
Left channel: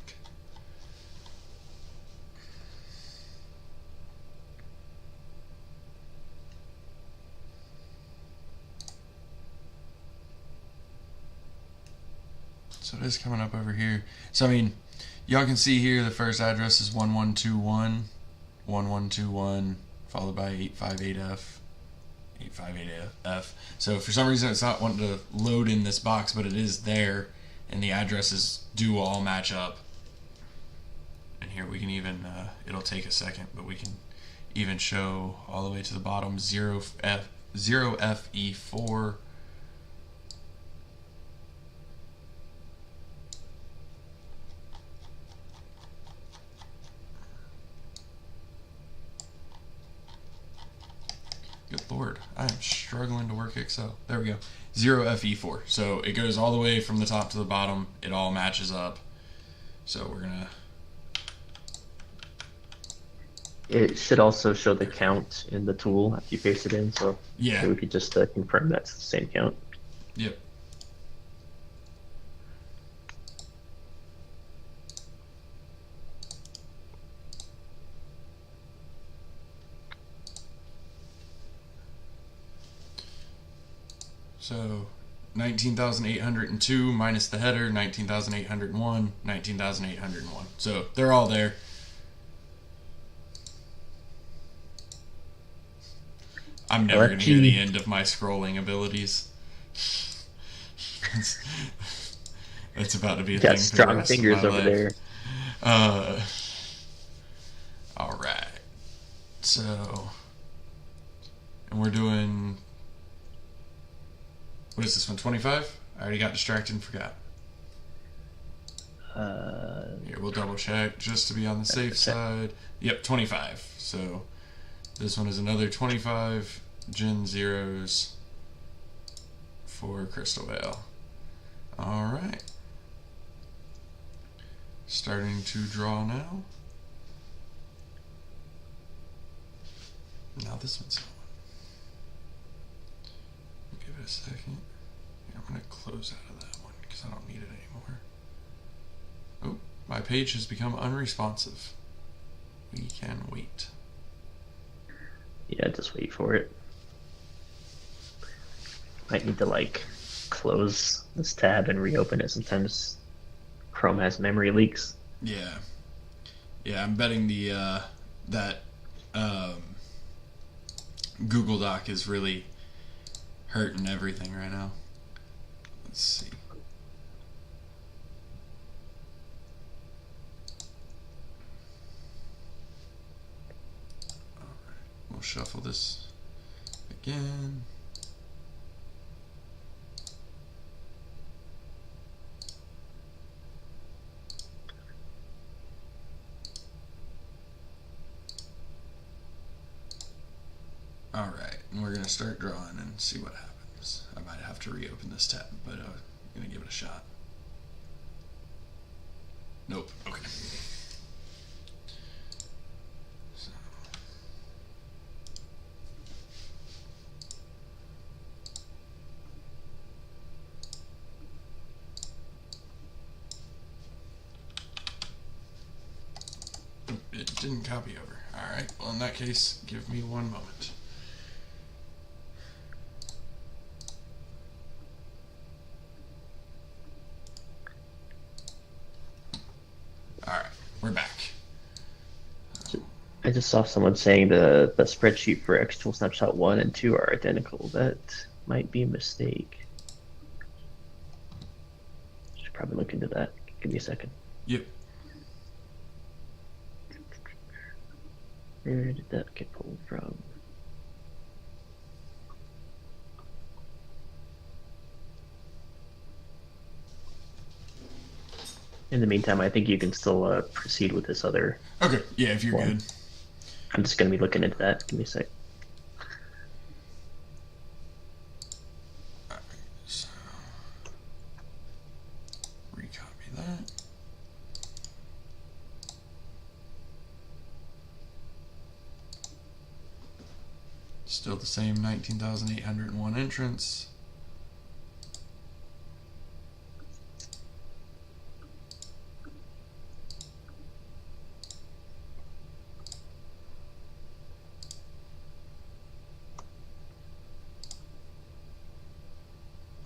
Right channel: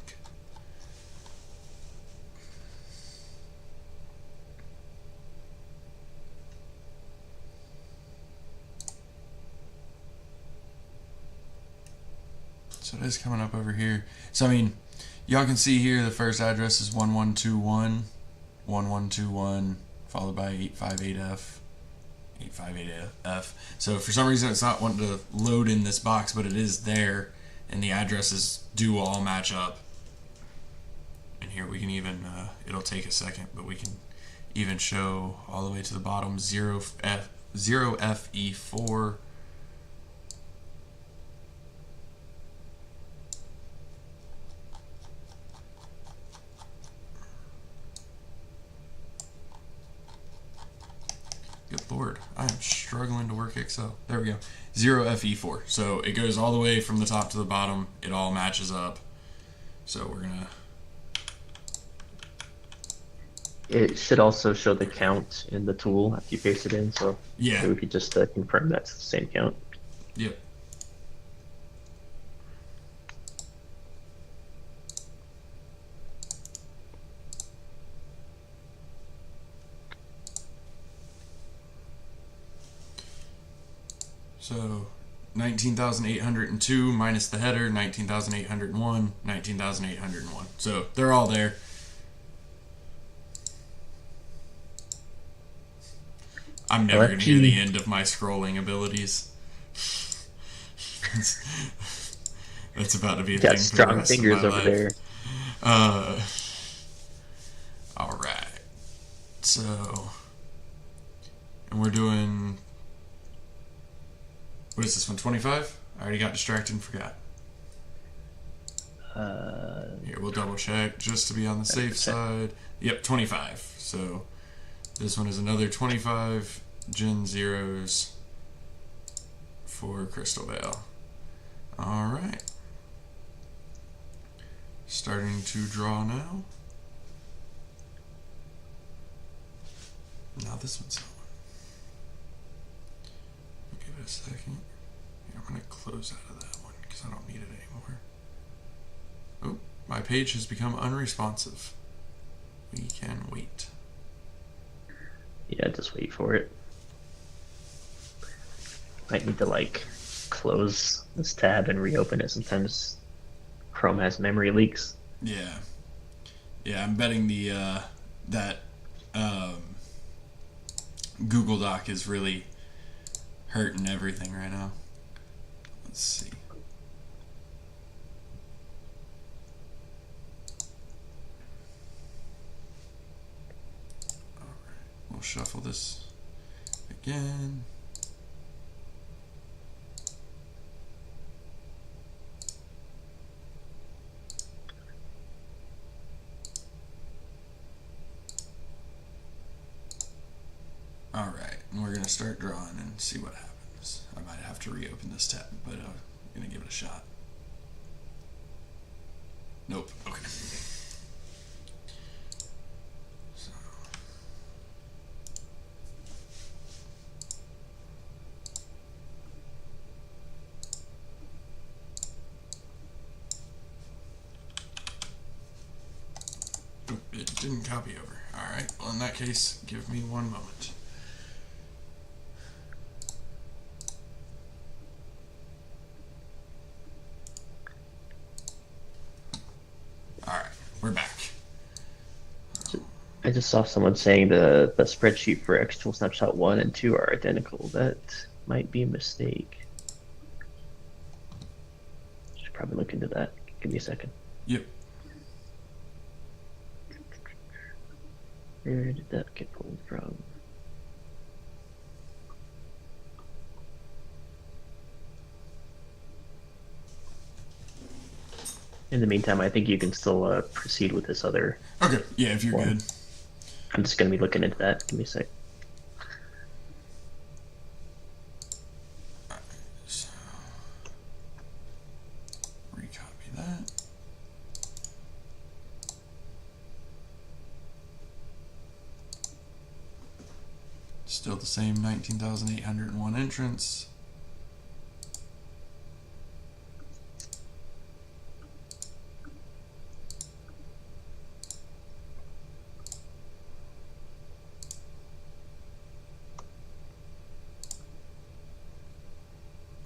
So it is coming up over here. So I mean, y'all can see here the first address is 1121, 1121, followed by 858F, 858F. So for some reason it's not wanting to load in this box, but it is there, and the addresses do all match up. And here we can even, it'll take a second, but we can even show all the way to the bottom 0FE4. I'm struggling to work Excel. There we go. 0FE4. So it goes all the way from the top to the bottom. It all matches up. So we're going to... It should also show the count in the tool after you paste it in. So Yeah. we could just confirm that's the same count. Yep. So 19,802 minus the header, 19,801, 19,801. So they're all there. I'm never near the end of my scrolling abilities. That's about to be a got thing strong fingers over there. All right. So, and we're doing, what is this one, 25? I already got distracted and forgot. Here, we'll double check just to be on the safe 100%. side. Yep, 25. So, this one is another 25 Gen0s for Crystalvale. Alright. Starting to draw now. Now this one's on. Give it a second. I'm going to close out of that one because I don't need it anymore. Oh, my page has become unresponsive. We can wait. Yeah, just wait for it. Might need to like close this tab and reopen it. Sometimes Chrome has memory leaks. Yeah. Yeah, I'm betting that Google Doc is really hurting everything right now. Let's see. We'll shuffle this again. Alright, and we're going to start drawing and see what happens. I might have to reopen this tab, but I'm going to give it a shot. Nope. Okay. So. It didn't copy over. Alright, well in that case, give me 1 moment. Alright, we're back. I just saw someone saying the spreadsheet for actual snapshot 1 and 2 are identical. That might be a mistake. probably look into that. Give me a second. Yep. Where did that get pulled from? In the meantime, I think you can still proceed with this other Okay. Yeah, if you're one. good. I'm just going to be looking into that. Give me a sec. So, recopy that. Still the same 19,801 entrants.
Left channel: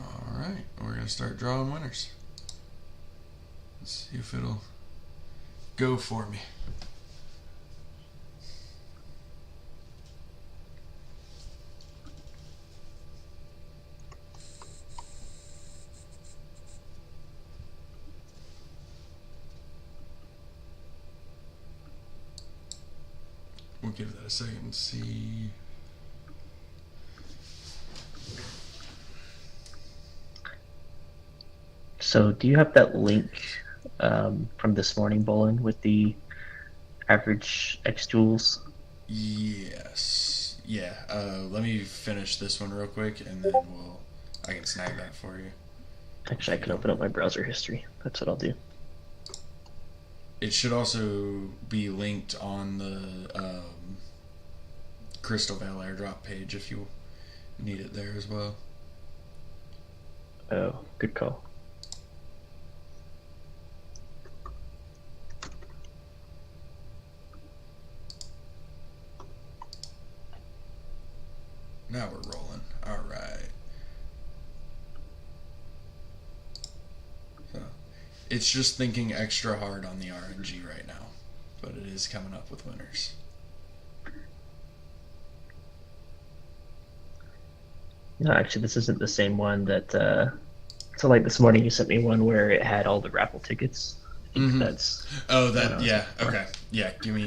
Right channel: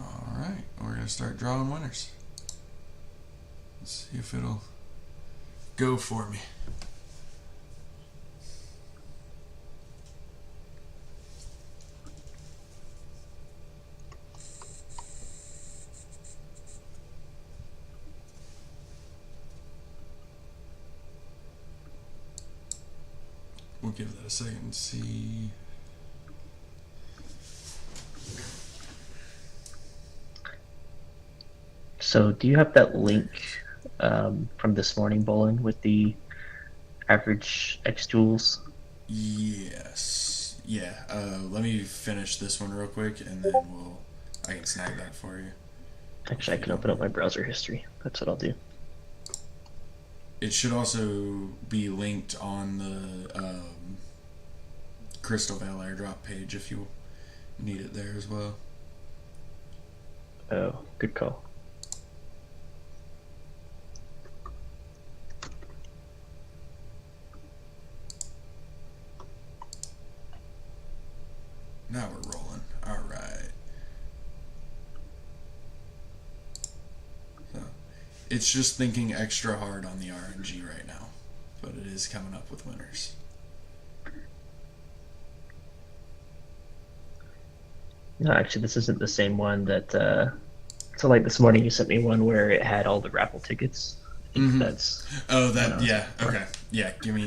Alright, we're going to start drawing winners. Let's see if it'll go for me. We'll give that a second and see. So, do you have that link from this morning, Bolin, with the average X tools? Yes. Yeah. Let me finish this one real quick, and then I can snag that for you. Actually, I can open up my browser history. That's what I'll do. It should also be linked on the Crystalvale airdrop page if you need it there as well. Oh, good call. Now we're rolling. Alright. So, it's just thinking extra hard on the RNG right now, but it is coming up with winners. No, actually, this isn't the same one that. So, like this morning, you sent me one where it had all the raffle tickets. I think that's. Oh, the one that I was yeah. looking for. Okay. Yeah. Give me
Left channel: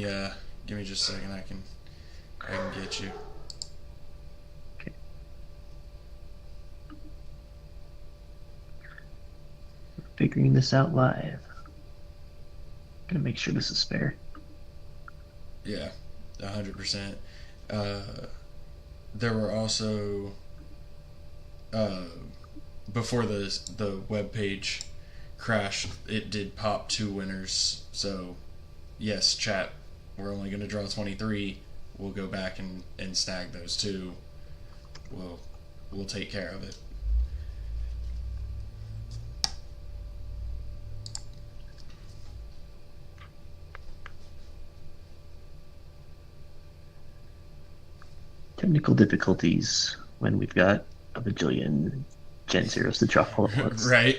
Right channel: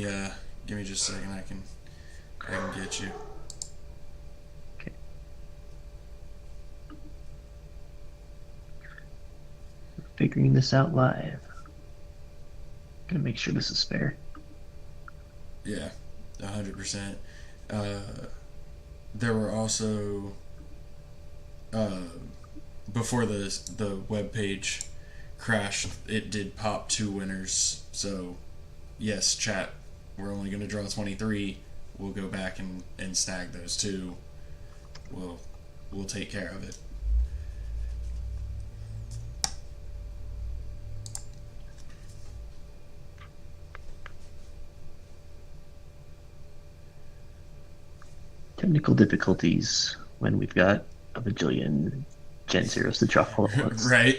just a second. I can get you. Okay. We're figuring this out live. Gonna make sure this is fair. Yeah, 100%. There were also before the web page crashed, it did pop 2 winners. So yes, chat, we're only going to draw 23. We'll go back and snag those 2. We'll take care of it. Technical difficulties when we've got a bajillion Gen Zeros to draw all at once. Right.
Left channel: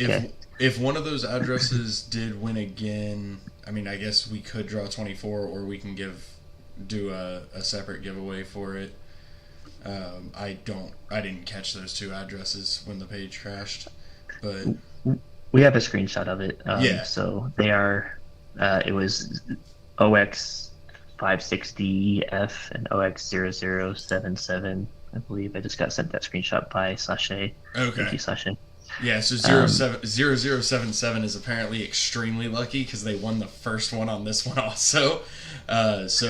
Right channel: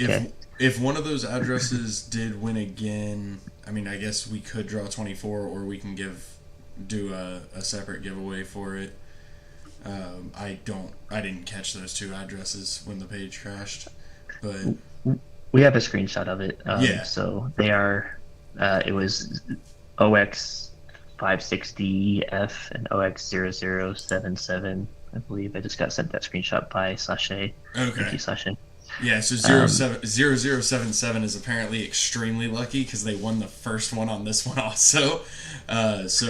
Okay. If one of those addresses did win again, I mean, I guess we could draw 24, or we can do a separate giveaway for it. I didn't catch those 2 addresses when the page crashed, but We have a screenshot of it. Yeah. So they are. It was OX56DF and OX0077. I believe I just got sent that screenshot by Sashay. Okay. Thank you, Sashay. Yeah, so 0077 is apparently extremely lucky because they won the first one on this one also. So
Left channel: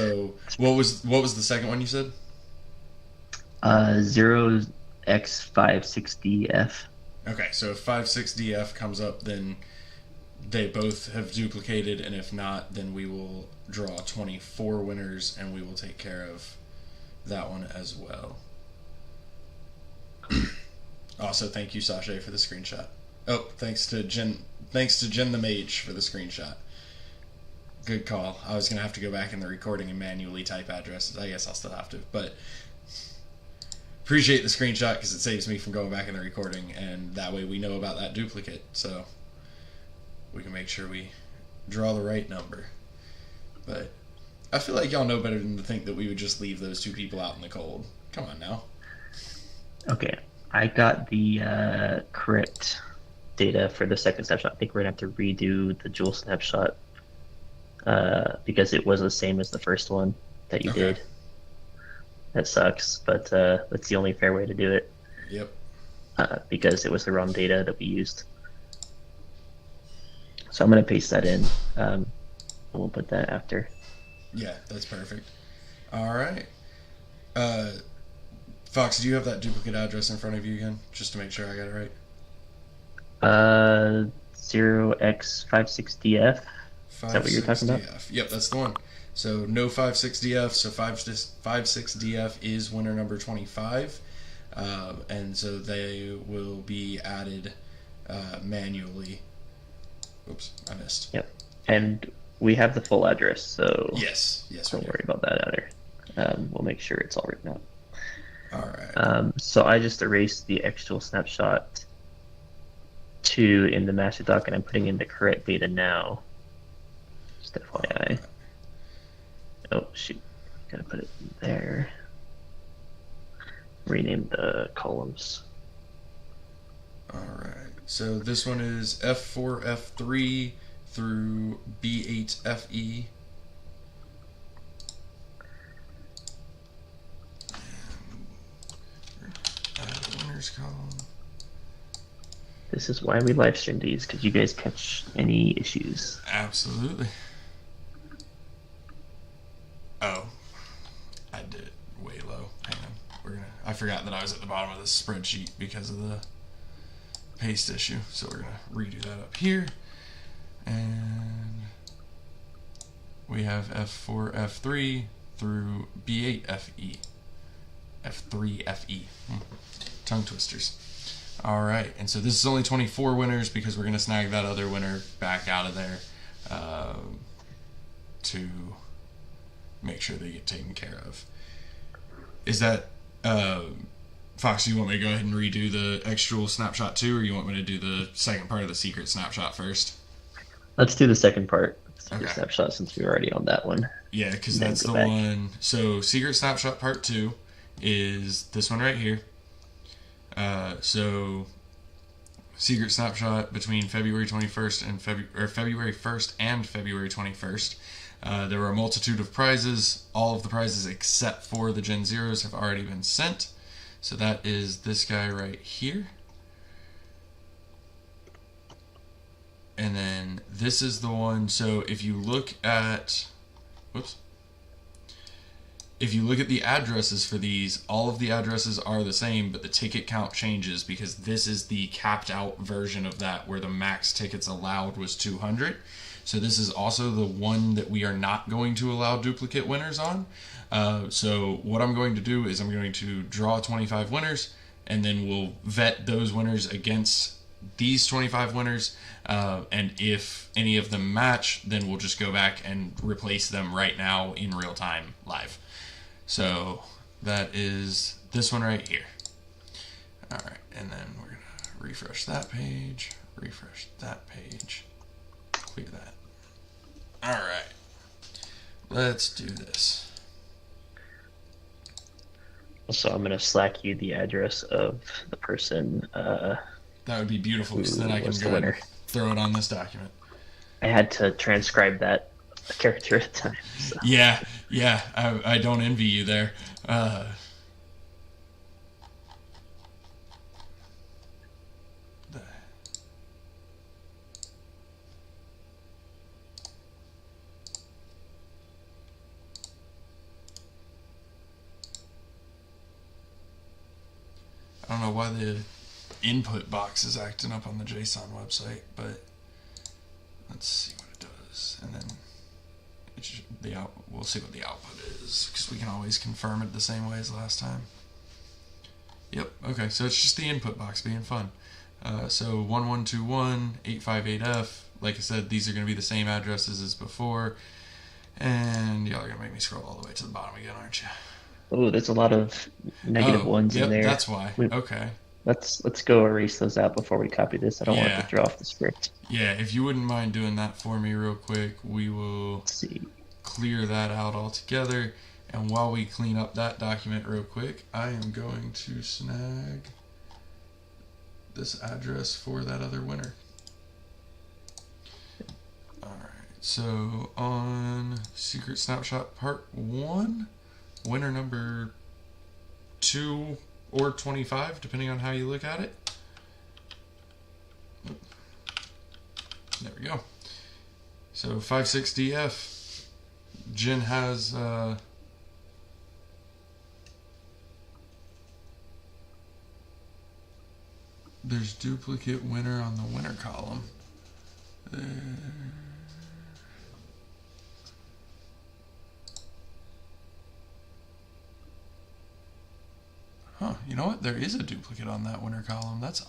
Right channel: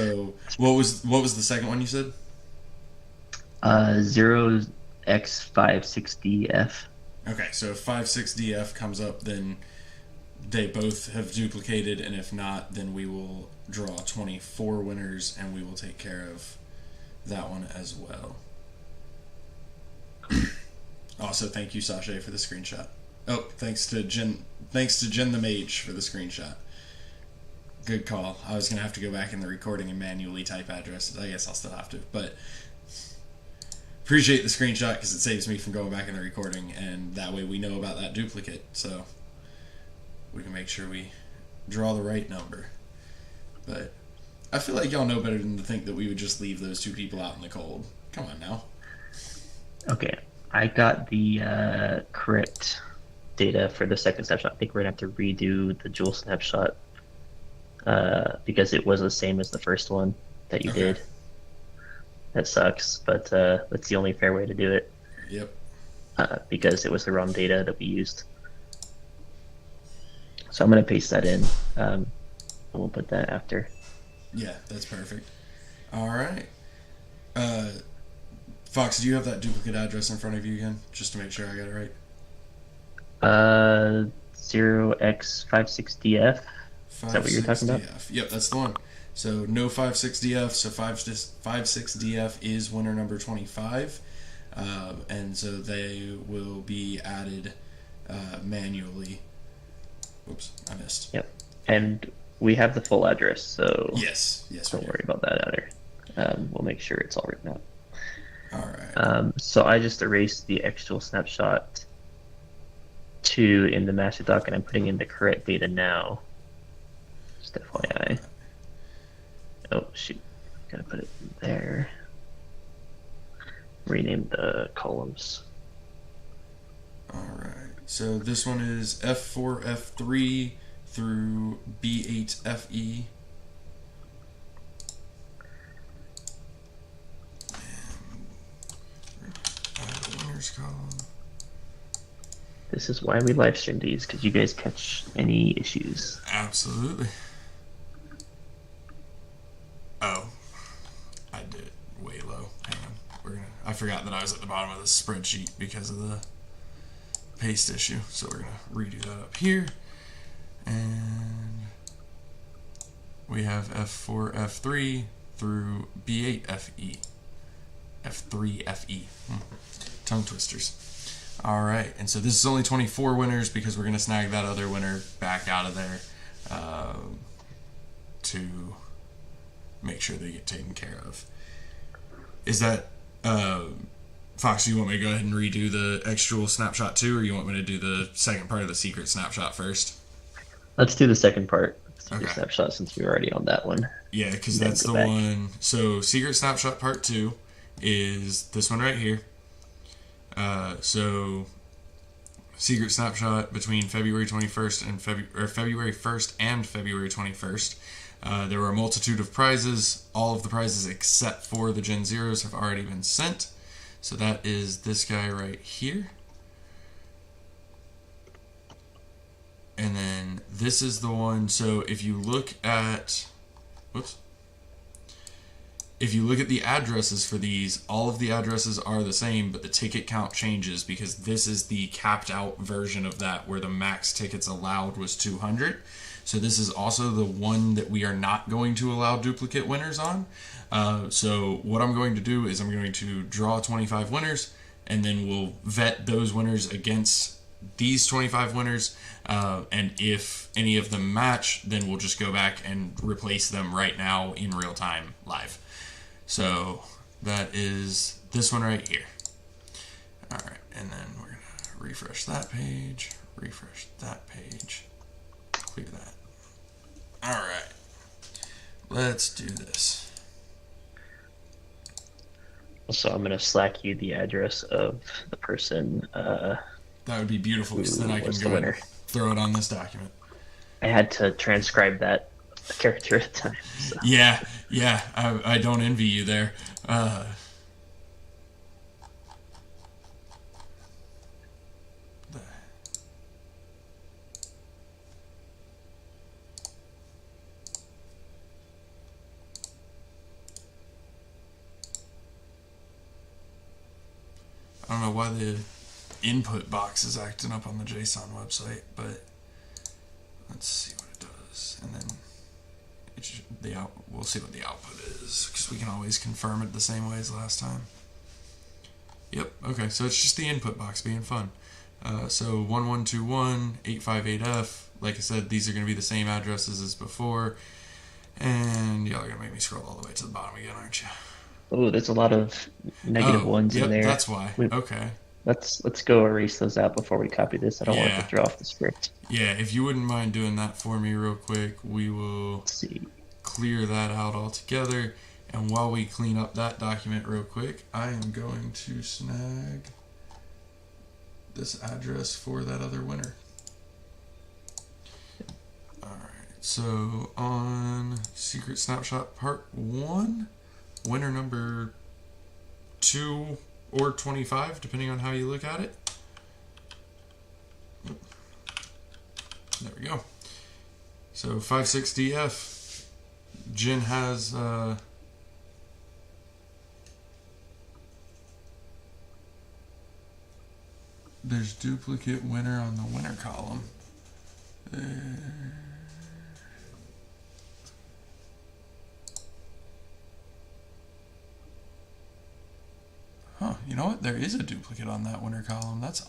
what was the second one you said? 0X56DF. Okay, so if 56DF comes up, then they both have duplicated, and if not, then we will draw 24 winners, and we will take care of that one as well. Also, thank you, Sashay, for the screenshot. Oh, thanks to Gen the Mage for the screenshot. Good call. I was gonna have to go back in the recording and manually type addresses. I guess I'll still have to, but appreciate the screenshot because it saves me from going back in the recording, and that way we know about that duplicate, so we can make sure we draw the right number. But I feel like y'all know better than to think that we would just leave those 2 people out in the cold. Come on now. Okay. I got the correct data for the second snapshot. I think we're gonna have to redo the dual snapshot because it was the same as the first one that you Okay. did. That sucks, but that's the only fair way to do it Yep. because it was the wrong data that we used. So I'm gonna paste that in. And we'll put that after. Yeah, that's perfect. All right. Fox, do you have that duplicate address in front of you again, just to make sure I got it right? 0x56df. Is that what you're talking about? 56DF. Yep, that's the one. So no 56DF. So 56DF is winner number 25, and so they will be added manually. Oops, I missed. Yep. And we have the full address, so Yes, yes, we don't do. worry about that either. We'll make sure it's all written out. All right. So I just erased the actual snapshot 2 in the master doc, and I'm putting in the correct data now. Just FYI. Oh, shoot. Gotta put it there. Rename the columns. All right. So this one is F4, F3 through B8, FE. This is why we live stream these, because you guys catch any issues. Absolutely. Oh, I did it way low. Hang on. I forgot that I was at the bottom of this spreadsheet because of the paste issue. So we're gonna redo that up here, and we have F4, F3 through B8, FE, F3, FE. Tongue twisters. All right, and so this is only 24 winners because we're gonna snag that other winner back out of there to make sure that you're taken care of. Is that Fox? You want me to go ahead and redo the actual snapshot too, or you want me to do the second part of the secret snapshot first? Let's do the second part, secret Okay. snapshot, since we're already on that one. Yeah, because And then that's go the back. one. So secret snapshot part 2 is this one right here. So secret snapshot between February 21st and February 1st and February 21st. There were a multitude of prizes. All of the prizes except for the Gen Zeros have already been sent. So that is this guy right here. And then this is the one. So if you look at, whoops. If you look at the addresses for these, all of the addresses are the same, but the ticket count changes because this is the capped out version of that where the max tickets allowed was 200. So this is also the one that we are not going to allow duplicate winners on. So what I'm going to do is I'm going to draw 25 winners, and then we'll vet those winners against these 25 winners. And if any of them match, then we'll just go back and replace them right now in real time live. So that is this one right here. Alright, and then we're going to refresh that page, refresh that page, clear that. Alright, let's do this. So I'm going to Slack you the address of the person That would be beautiful. who So that I was can the winner. throw it on this document. I had to transcribe that character at a time. So. Yeah, I don't envy you there. I don't know why the input box is acting up on the JSON website, but let's see what it does, and then we'll see what the output is because we can always confirm it the same way as last time. Yep. Okay. So it's just the input box being fun. So 1121858F. Like I said, these are going to be the same addresses as before, and y'all are going to make me scroll all the way to the bottom again, aren't you? Oh, there's a lot of negative Oh, ones in yep. there. That's why. Okay. Let's go erase those out before we copy this. I don't want it to throw off the script. Yeah, if you wouldn't mind doing that for me real quick, we will Let's see. clear that out altogether. And while we clean up that document real quick, I am going to snag this address for that other winner. Alright, so on Secret Snapshot Part 1, winner number 2 or 25, depending on how you look at it. There we go. So 56DF. Gen has there's duplicate winner on the winner column. You know what? There is a duplicate on that winner column. That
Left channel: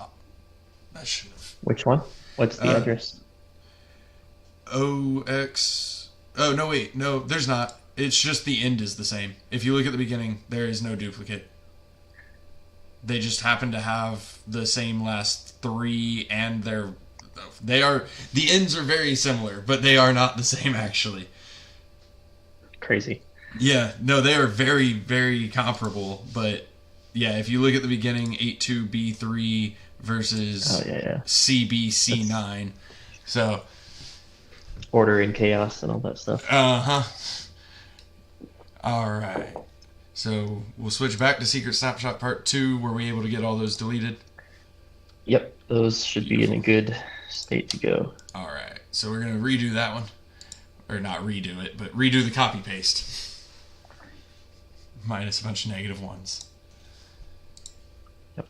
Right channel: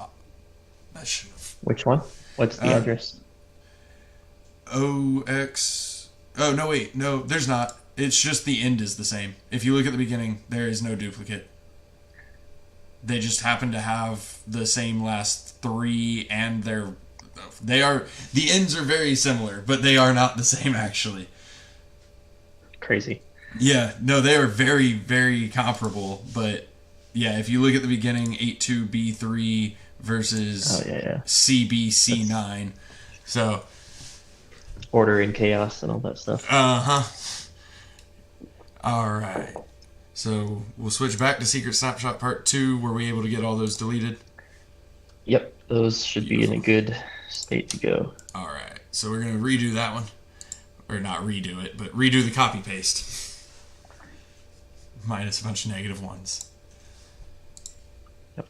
should have. Which one? What's the address? OX. Oh, no, wait. No, there's not. It's just the end is the same. If you look at the beginning, there is no duplicate. They just happen to have the same last 3, and the ends are very similar, but they are not the same, actually. Crazy. Yeah, no, they are very, very comparable, but yeah, if you look at the beginning, 82B3 versus CBC9. So order and chaos and all that stuff. Alright. So we'll switch back to Secret Snapshot Part 2. Were we able to get all those deleted? Yep, those should be in a good state to go. Alright, so we're going to redo that one. Or not redo it, but redo the copy paste. Minus a bunch of negative ones. Yep.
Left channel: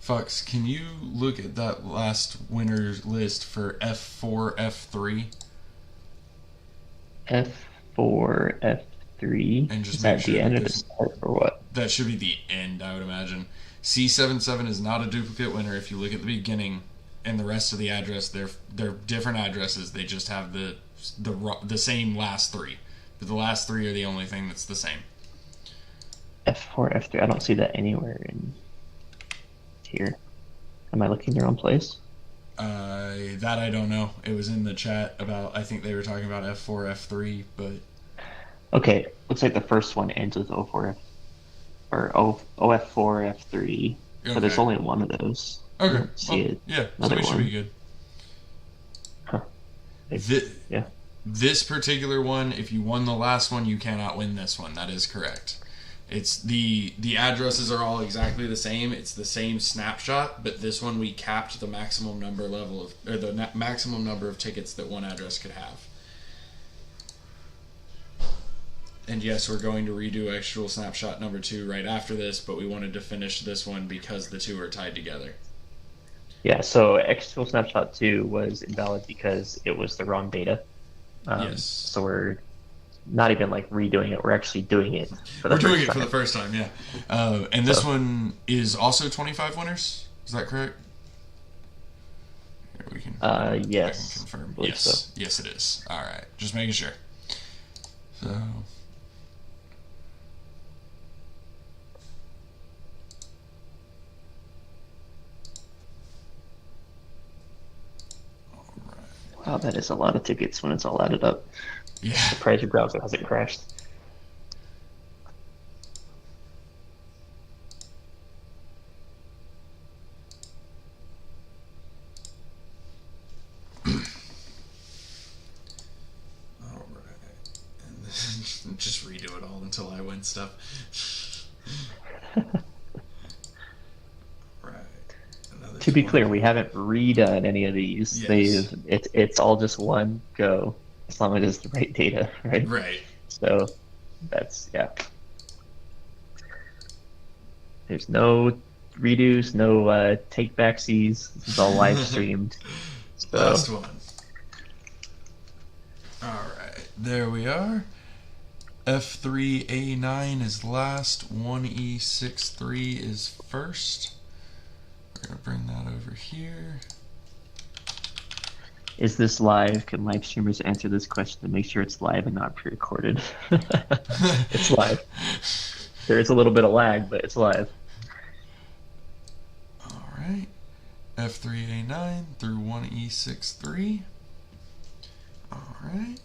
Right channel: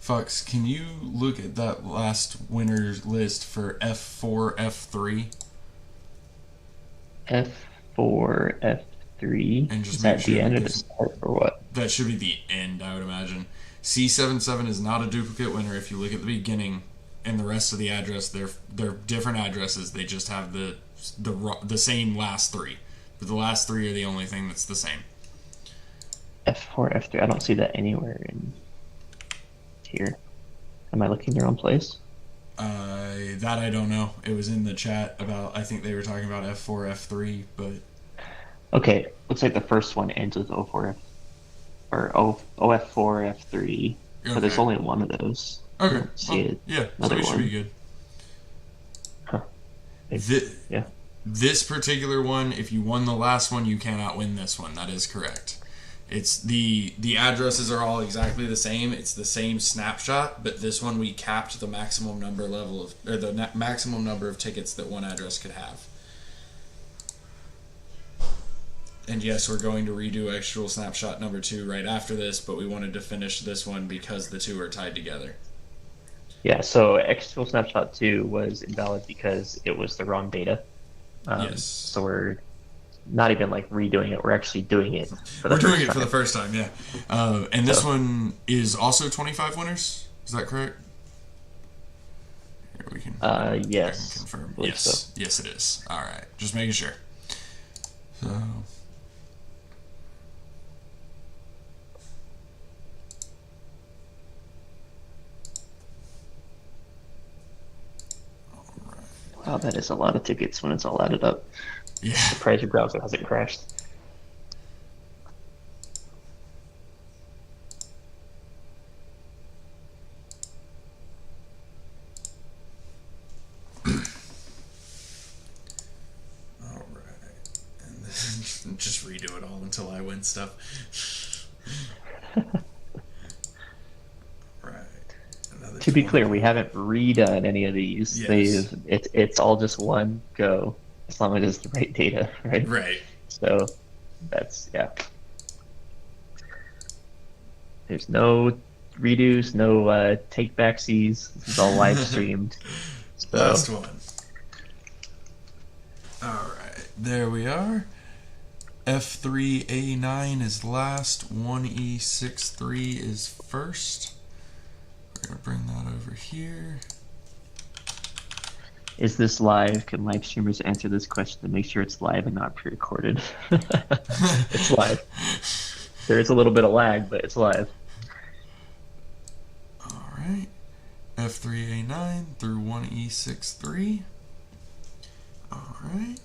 Fox, can you look at that last winner's list for F4, F3? F4, F3. Is that the end or the start or what? That should be the end, I would imagine. C77 is not a duplicate winner if you look at the beginning and the rest of the address. They're different addresses. They just have the same last 3. But the last 3 are the only thing that's the same. F4, F3. I don't see that anywhere in here. Am I looking in the wrong place? That I don't know. It was in the chat about, I think they were talking about F4, F3, but... Okay, looks like the first one ends with O4F, or OF4, F3, but there's only one of those. Okay. I don't see it. Yeah, another one. Huh. Yeah. This particular one, if you won the last one, you cannot win this one. That is correct. It's the addresses are all exactly the same. It's the same snapshot, but this one we capped the maximum number maximum number of tickets that one address could have. And yes, we're going to redo actual snapshot number 2 right after this, but we wanted to finish this one because the 2 are tied together. Yeah, so actual snapshot 2 was invalid because it was the wrong data. Yes. So we're not even like redoing it. We're actually doing it for the first time. For the first time, yeah. And this one is also 25 winners. Is that correct? Here we can yes, I believe so. Yes, it is. All right, just making sure. So. Wow, that is a lot of tickets when it's all added up. Yeah. Surprised your browser hasn't crashed. Just redo it all until I win stuff. To be clear, we haven't redone any of these. Yes. It's all just one go, as long as it's the right data, right? Right. So that's, yeah. There's no redos, no take backsies. This is all live streamed. So Last one. Alright, there we are. F3A9 is last. 1E63 is first. We're going to bring that over here. is this live? Can live streamers answer this question to make sure it's live and not pre-recorded? It's live. There is a little bit of lag, but it's live. Alright. F3A9 through 1E63. Alright.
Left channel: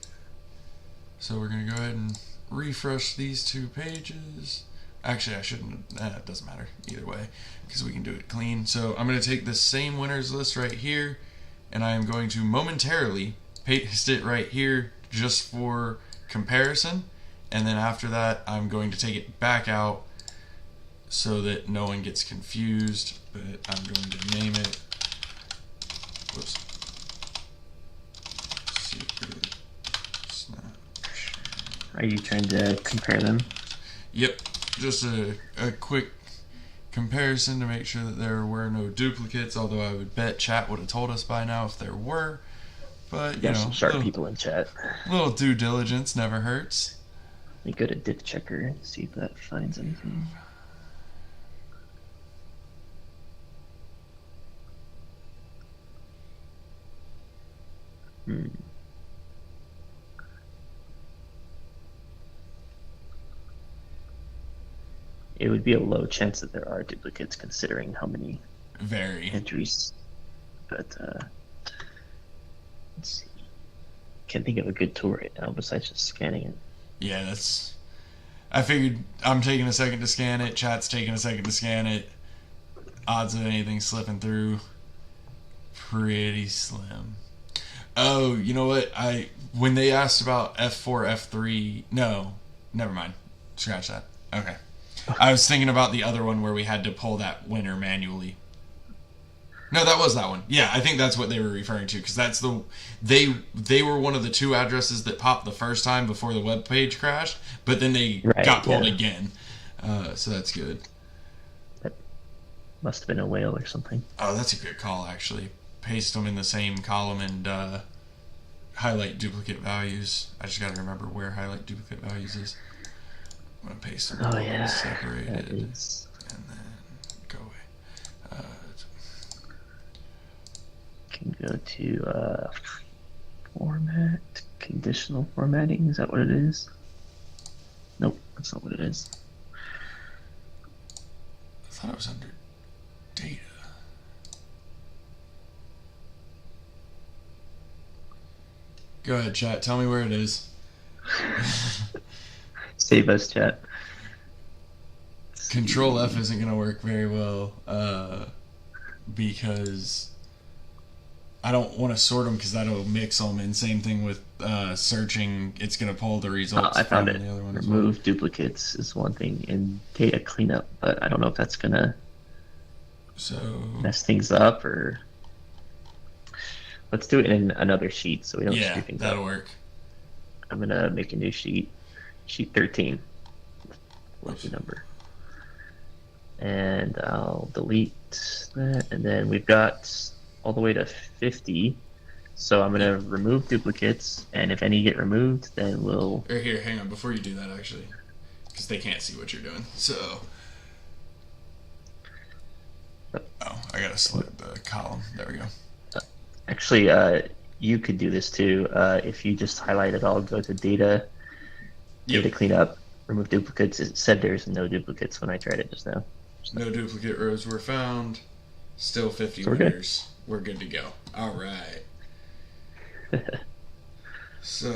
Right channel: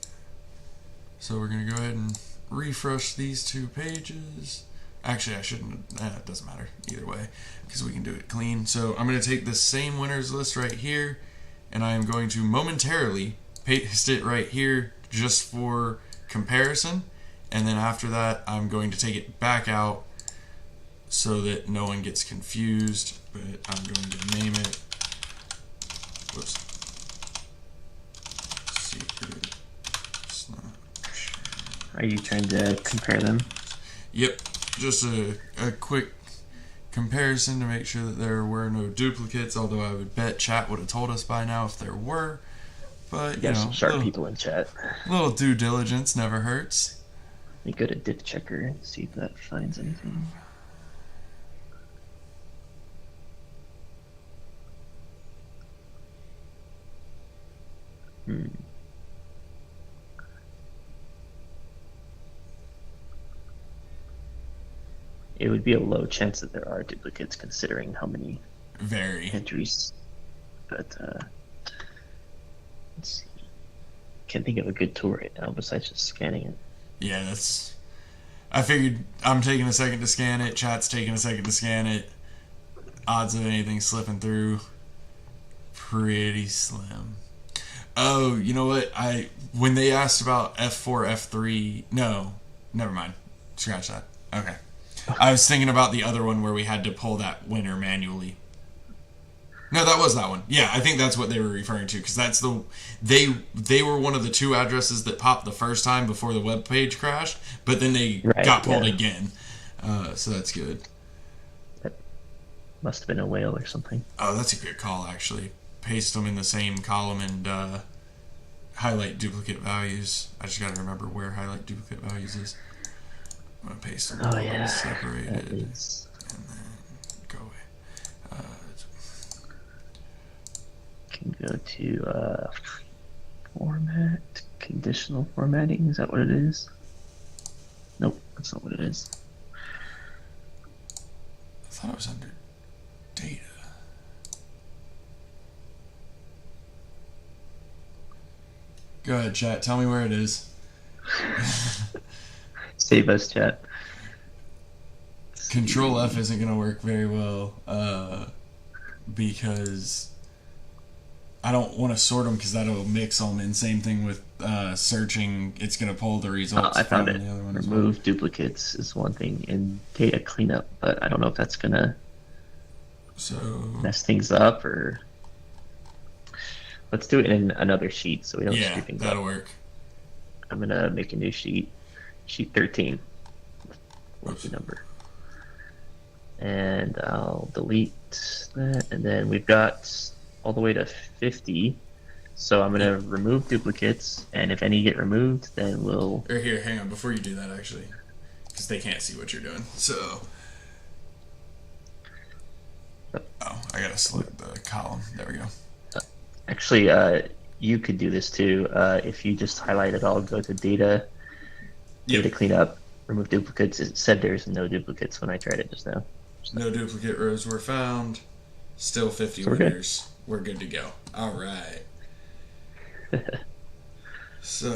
So we're going to go ahead and refresh these 2 pages. Actually, I shouldn't. It doesn't matter either way because we can do it clean. So I'm going to take the same winners list right here, and I'm going to momentarily paste it right here just for comparison. And then after that, I'm going to take it back out so that no one gets confused. But I'm going to name it. Oops. Are you trying to compare them? Yep, just a quick comparison to make sure that there were no duplicates, although I would bet chat would have told us by now if there were. But, You got some sharp people in chat. A little due diligence never hurts. Let me go to diff checker and see if that finds anything. It would be a low chance that there are duplicates considering how many entries. But let's see. Can't think of a good tool right now besides just scanning it. Yeah, I figured I'm taking a second to scan it, chat's taking a second to scan it. Odds of anything slipping through, pretty slim. Oh, you know what? When they asked about F4, F3, no, never mind. Scratch that. Okay. I was thinking about the other one where we had to pull that winner manually. No, that was that one. Yeah, I think that's what they were referring to because that's they were one of the 2 addresses that popped the first time before the web page crashed, but then they got pulled again. So that's good. That must have been a whale or something. Oh, that's a good call actually. Paste them in the same column and highlight duplicate values. I just gotta remember where highlight duplicate values is. I'm gonna paste them. Oh yeah, that is. Can go to format, conditional formatting. Is that what it is? Nope, that's not what it is. I thought it was under data. Go ahead, chat. Tell me where it is. Save us, chat. Control F isn't going to work very well because I don't want to sort them because that'll mix them. And same thing with searching, it's going to pull the results. I found it. Remove duplicates is one thing in data cleanup, but I don't know if that's going to mess things up or... Let's do it in another sheet so we don't screw things up. Work. I'm going to make a new sheet. Sheet 13. Lucky number. And I'll delete that. And then we've got all the way to 50. So I'm going to remove duplicates. And if any get removed, then we'll... Here, hang on. Before you do that, actually. Because they can't see what you're doing. So... Oh, I got to select the column. There we go. Actually, you could do this too. If you just highlight it all, go to data cleanup, remove duplicates. It said there's no duplicates when I tried it just now. So. No duplicate rows were found. Still 50 so we're good. We're good to go. All right. So,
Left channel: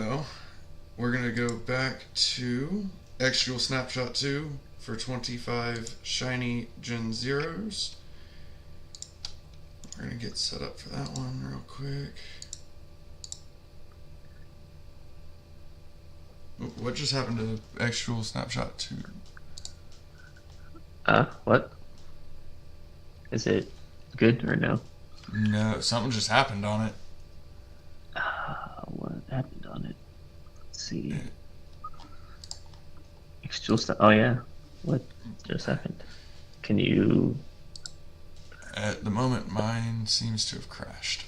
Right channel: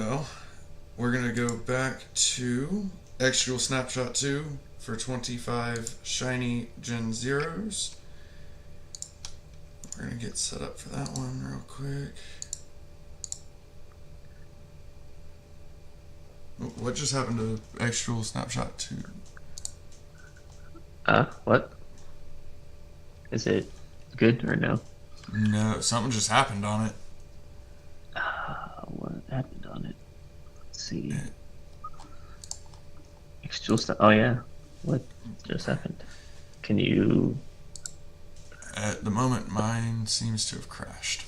we're going to go back to Extra Snapshot 2 for 25 shiny Gen0s. We're going to get set up for that one real quick. What just happened to Extra Snapshot 2? What? Is it good or no? No, something just happened on it. What happened on it? Let's see. Extra stuff. Oh yeah. What just happened? Can you? At the moment, mine seems to have crashed.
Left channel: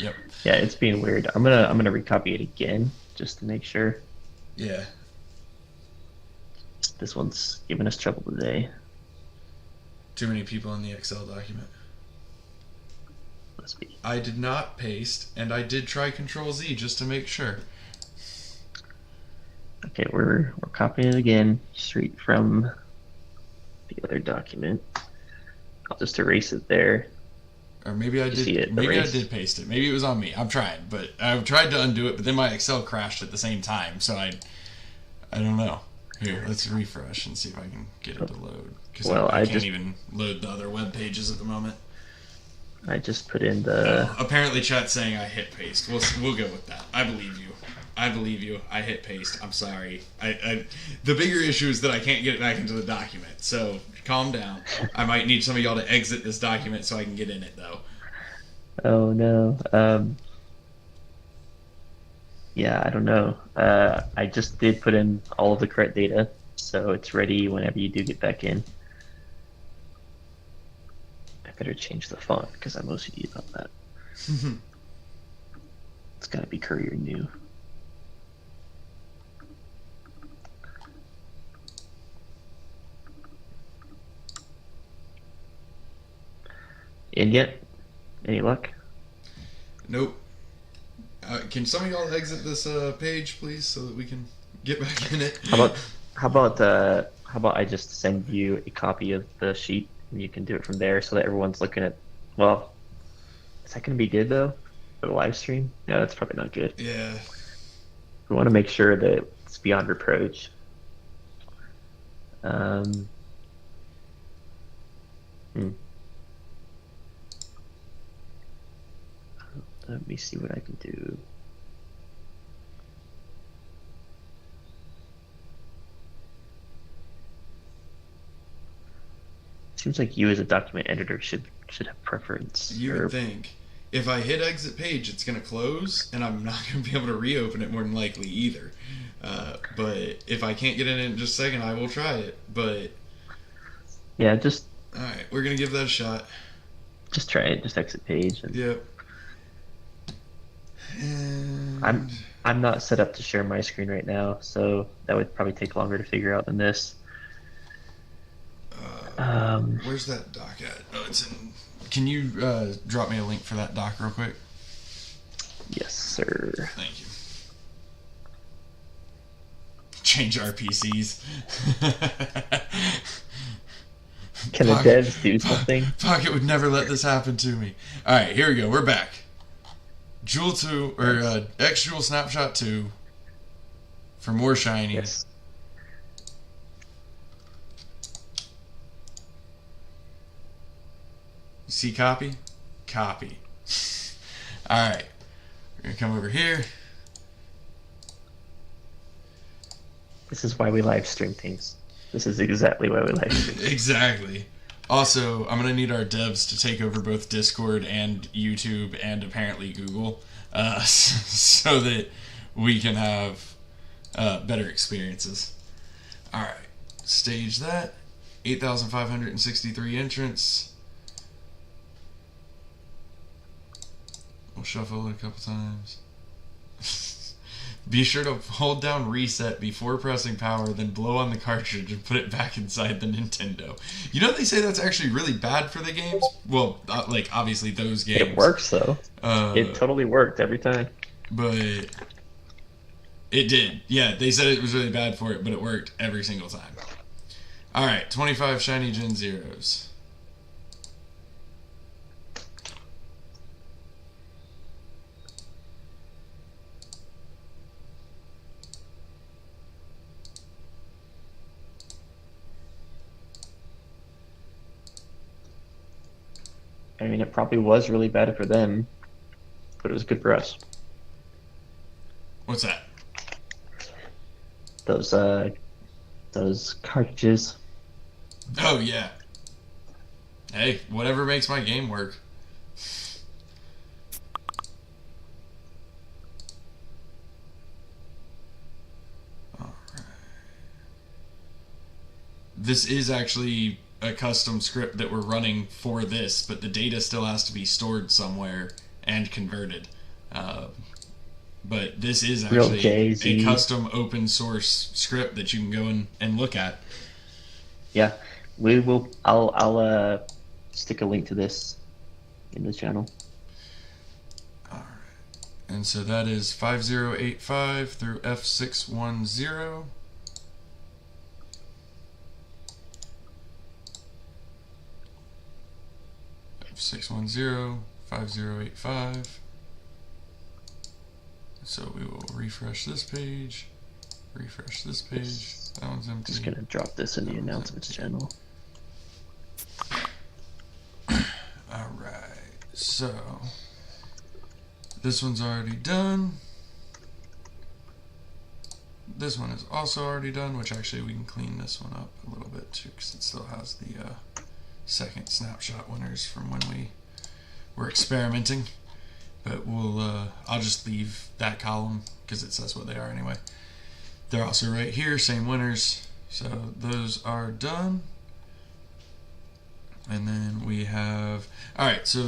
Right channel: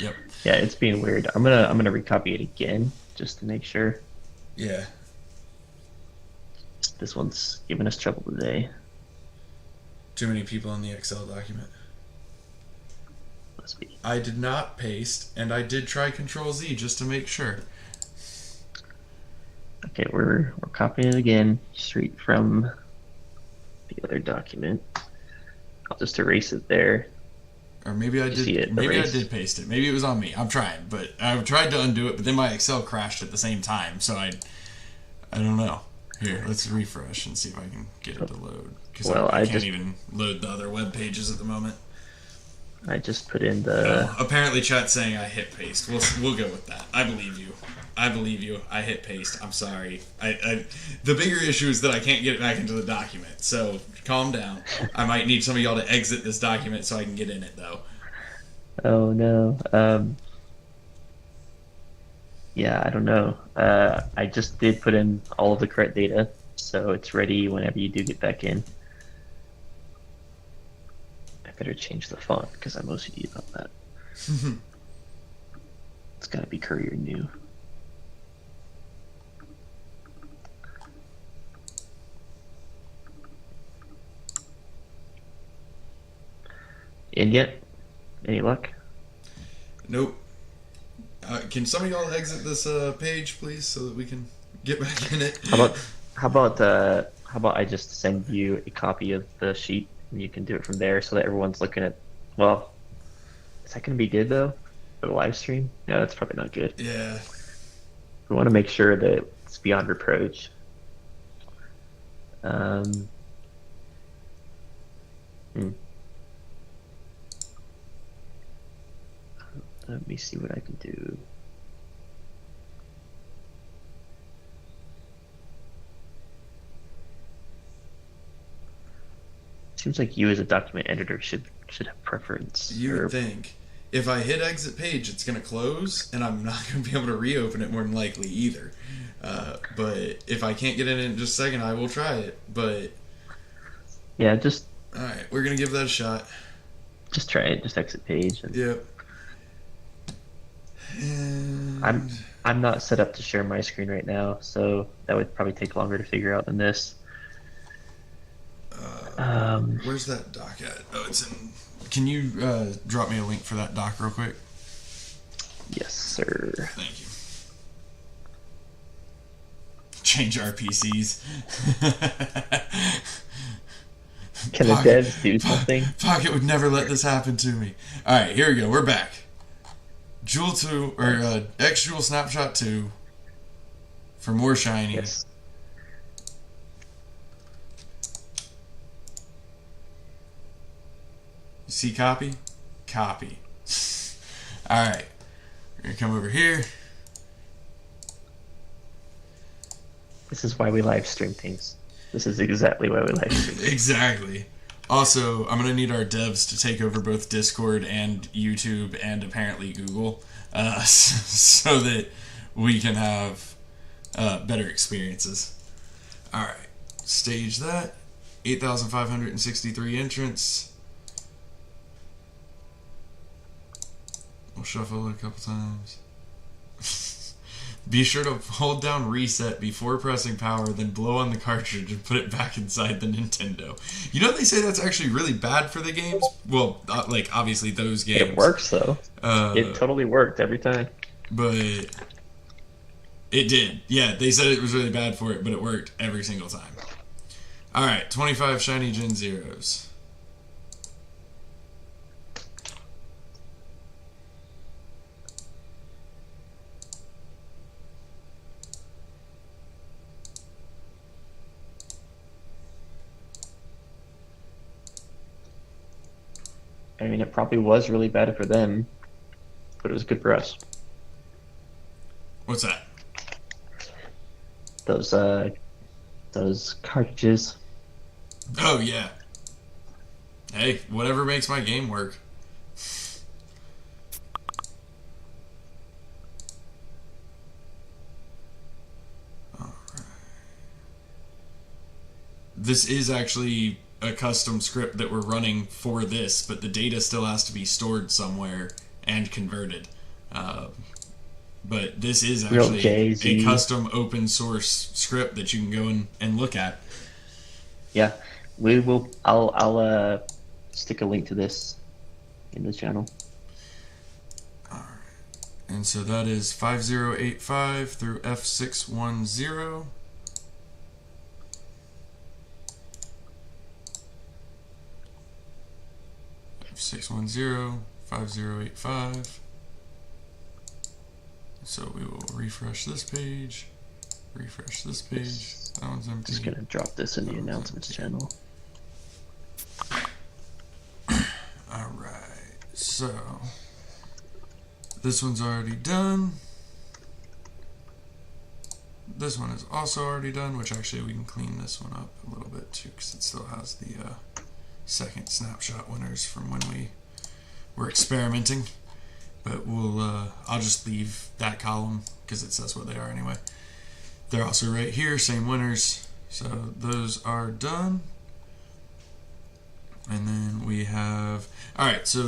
Yep. Yeah, it's being weird. I'm gonna recopy it again just to make sure. Yeah. This one's giving us trouble today. Too many people in the Excel document. Must be. I did not paste, and I did try Control Z just to make sure. Okay, we're copying it again straight from the other document. I'll just erase it there. Or maybe I You did. see it Maybe I erased? did paste it. Maybe it was on me. I'm trying, but I tried to undo it, but then my Excel crashed at the same time. So I don't know. Here, let's refresh and see if I can get it to load. Because Well, I I can't just even load the other web pages at the moment. put in Oh, the. apparently chat's saying I hit paste. We'll go with that. I believe you. I believe you. I hit paste. I'm sorry. The bigger issue is that I can't get it back into the document. So calm down. I might need some of y'all to exit this document so I can get in it though. Oh no. Yeah, I don't know. I just did put in all of the correct data, so it's ready whenever you do get back in. I better change the font because I'm OCD about that. It's gotta be Courier New. In yet? Any luck? Nope. Can some of y'all exit this page, please, so that we can get back in it? How about I just send you a copy of the sheet and you can do it from there so that everyone's looking at. Well, is that gonna be good though for the live stream? No, that's probably not good. Yeah. We want to make sure that it's beyond reproach. Um, hmm. Let me see what I can do. Seems like you as a document editor should have preference. You would think. If I hit exit page, it's going to close, and I'm not going to be able to reopen it more than likely either. But if I can't get it in just a second, I will try it. But yeah, just all right, we're going to give that a shot. Just try it. Just exit page. And Yep. I'm not set up to share my screen right now, so that would probably take longer to figure out than this. Where's that doc at? Oh, it's in. Can you drop me a link for that doc real quick? Yes, sir. Thank you. Change our PCs. Can the devs do something? Pocket would never let this happen to me. Alright, here we go. We're back. Jewel 2, or X Jewel Snapshot 2 for more shiny. Yes. See copy? Copy. Alright. We're going to come over here. This is why we live stream things. This is exactly why we live stream things. Exactly. Also, I'm going to need our devs to take over both Discord and YouTube and apparently Google so that we can have better experiences. Alright. Stage that. 8,563 entrants. We'll shuffle it a couple times. Be sure to hold down reset before pressing power, then blow on the cartridge and put it back inside the Nintendo. You know, they say that's actually really bad for the games. Well, like, obviously those games. It works, though. It totally worked every time. But it did. Yeah, they said it was really bad for it, but it worked every single time. Alright, 25 shiny Gen 0s. I mean, it probably was really bad for them, but it was good for us. What's that? Those cartridges. Oh, yeah. Hey, whatever makes my game work. This is actually a custom script that we're running for this, but the data still has to be stored somewhere and converted. But this is actually Real Jay-Z. a custom open source script that you can go and look at. Yeah, we will. I'll stick a link to this in the channel. And And so that is 5085 through F610. F610, 5085. So we will refresh this page. Refresh this page. That one's empty. Just gonna drop this in the announcements channel. Alright, so this one's already done. This one is also already done, which actually we can clean this one up a little bit too, because it still has the second snapshot winners from when we were experimenting. But I'll just leave that column because it says what they are anyway. They're also right here, same winners. So those are done. And then we have, alright, so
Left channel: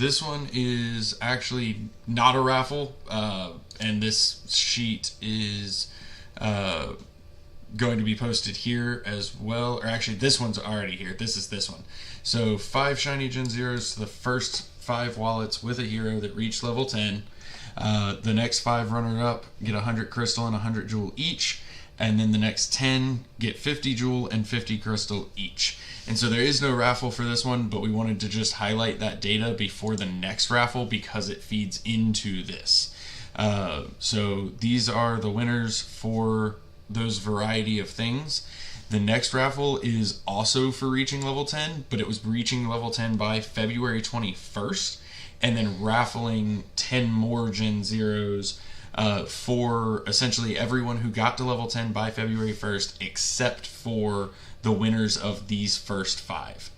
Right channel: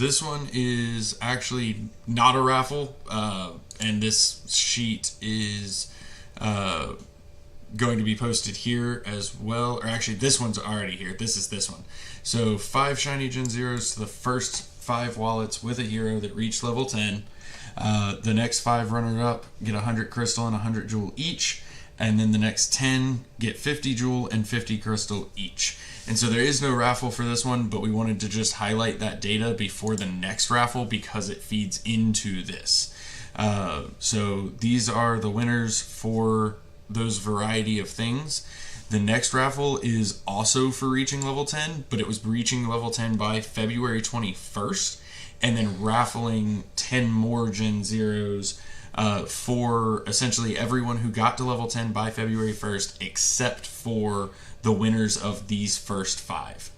this one is actually not a raffle, and this sheet is going to be posted here as well, or actually this one's already here. This is this one. So 5 shiny Gen 0s, the first 5 wallets with a hero that reach level 10. The next 5 runner-up get 100 crystal and 100 jewel each, and then the next 10 get 50 jewel and 50 crystal each. And so there is no raffle for this one, but we wanted to just highlight that data before the next raffle because it feeds into this. So these are the winners for those variety of things. The next raffle is also for reaching level 10, but it was reaching level 10 by February 21st, and then raffling 10 more Gen 0s for essentially everyone who got to level 10 by February 1st, except for the winners of these first 5.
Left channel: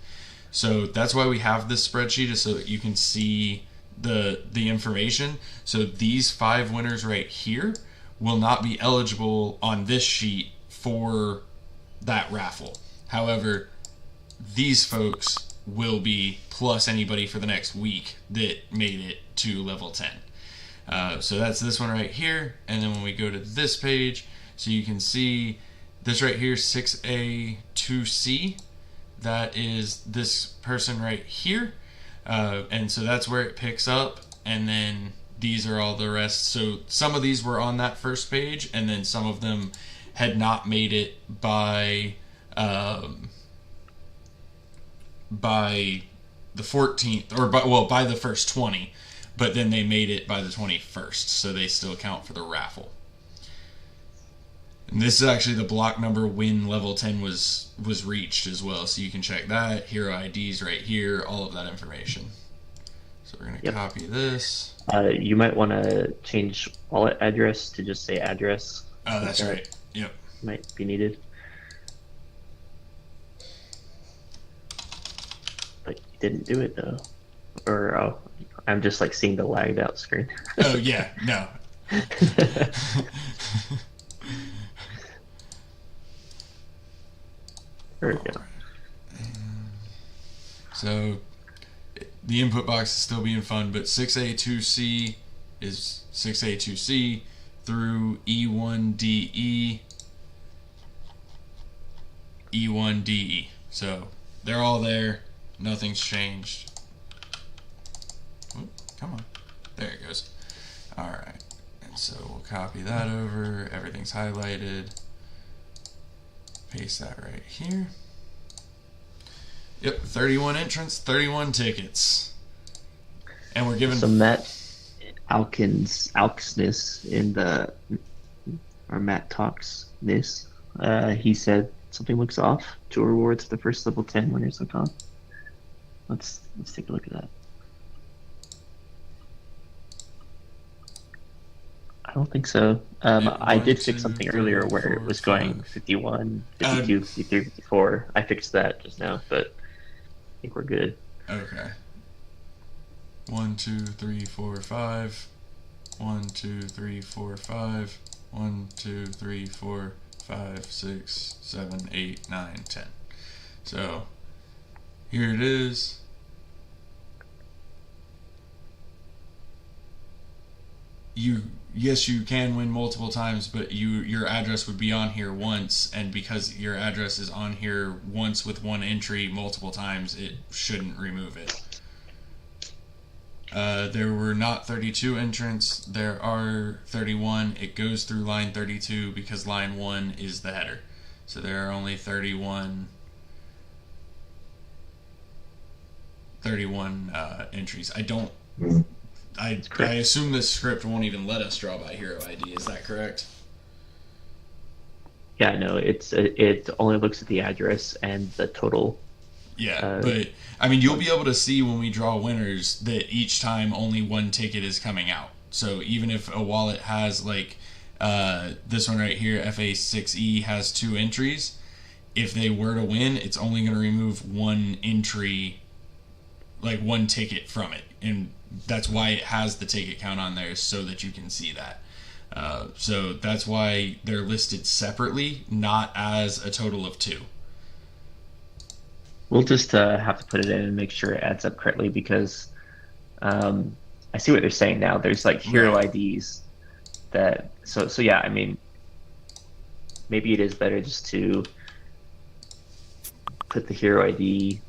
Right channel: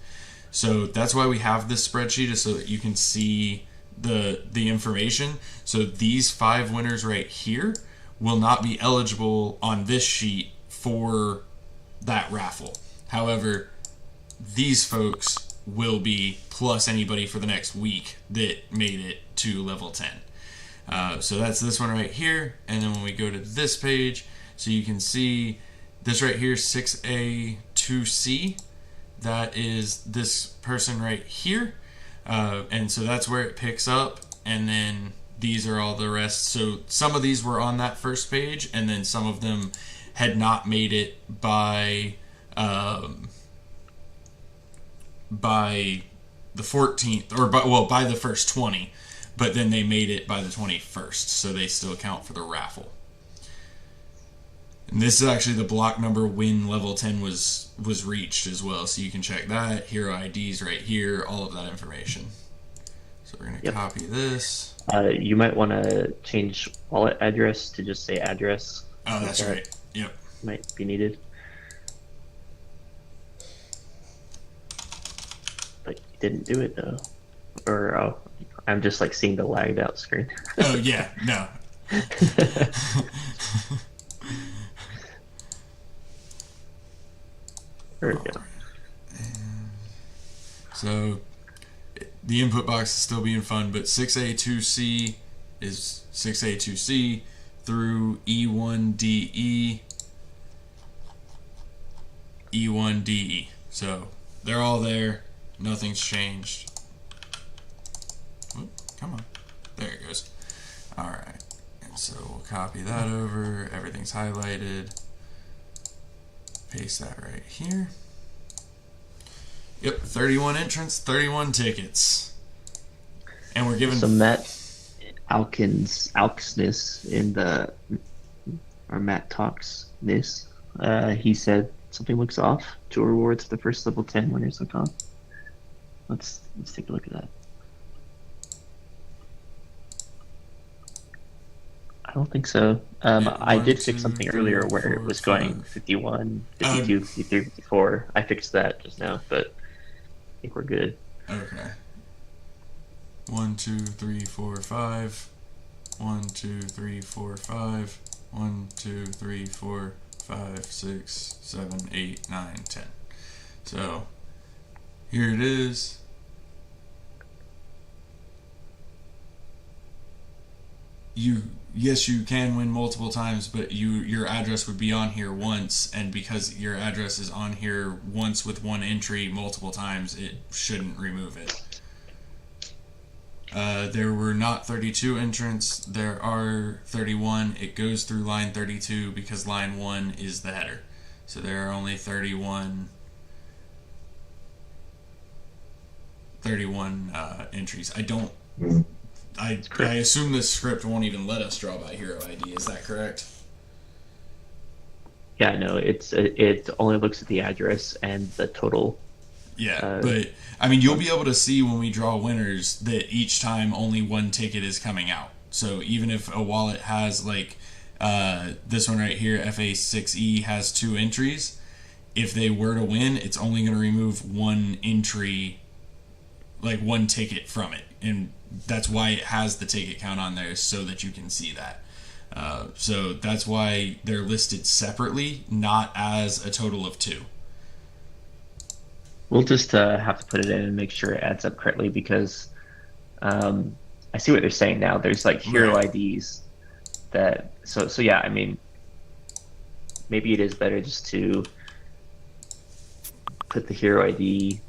So that's why we have this spreadsheet, is so that you can see the information. So these 5 winners right here will not be eligible on this sheet for that raffle. However, these folks will be, plus anybody for the next week that made it to level 10. So that's this one right here, and then when we go to this page, so you can see this right here, 6A2C, that is this person right here, and so that's where it picks up, and then these are all the rest. So some of these were on that first page, and then some of them had not made it by the 14th, or by the first 20, but then they made it by the 21st, so they still count for the raffle. And this is actually the block number when level 10 was reached as well, so you can check that. Hero IDs right here, all of that information. So we're going to copy this. You might want to change wallet address to just say address. I think that's right. Yep. Might be needed. But you didn't do it though. Or I'm just like seeing the lagged out screen. Oh yeah, no. There we go. So the input box is still being fun, but 6A2C is 6A2C through E1DE, E1DE. So they're all there. Nothing's changed. Oh, come on. There it goes. Alright. And so we'll copy that over. Everything's highlighted. Paste that right here. Yep, 31 entrants, 31 tickets. And we're giving... So Matt Alksness in the... Or Matt Talks this. He said something looks off. 2 rewards for the first level 10 winners look off. Let's take a look at that. I don't think so. I did fix something earlier where it was going 51, 52, 53, 54. I fixed that just now, but I think we're good. Okay. 1, 2, 3, 4, 5. 1, 2, 3, 4, 5. 1, 2, 3, 4, 5, 6, 7, 8, 9, 10. So here it is. Yes, you can win multiple times, but your address would be on here once, and because your address is on here once with one entry multiple times, it shouldn't remove it. There were not 32 entrants. There are 31. It goes through line 32 because line 1 is the header. So there are only 31 entries. I assume this script won't even let us draw by hero ID. Is that correct? Yeah, no, it only looks at the address and the total. Yeah, but I mean, you'll be able to see when we draw winners that each time only one ticket is coming out. So even if a wallet has like this one right here, FA6E has 2 entries, if they were to win, it's only going to remove one entry, like one ticket from it, and that's why it has the ticket count on there, so that you can see that. So that's why they're listed separately, not as a total of 2. We'll just have to put it in and make sure it adds up correctly because I see what they're saying now. There's like hero IDs that so yeah. I mean, maybe it is better just to put the hero ID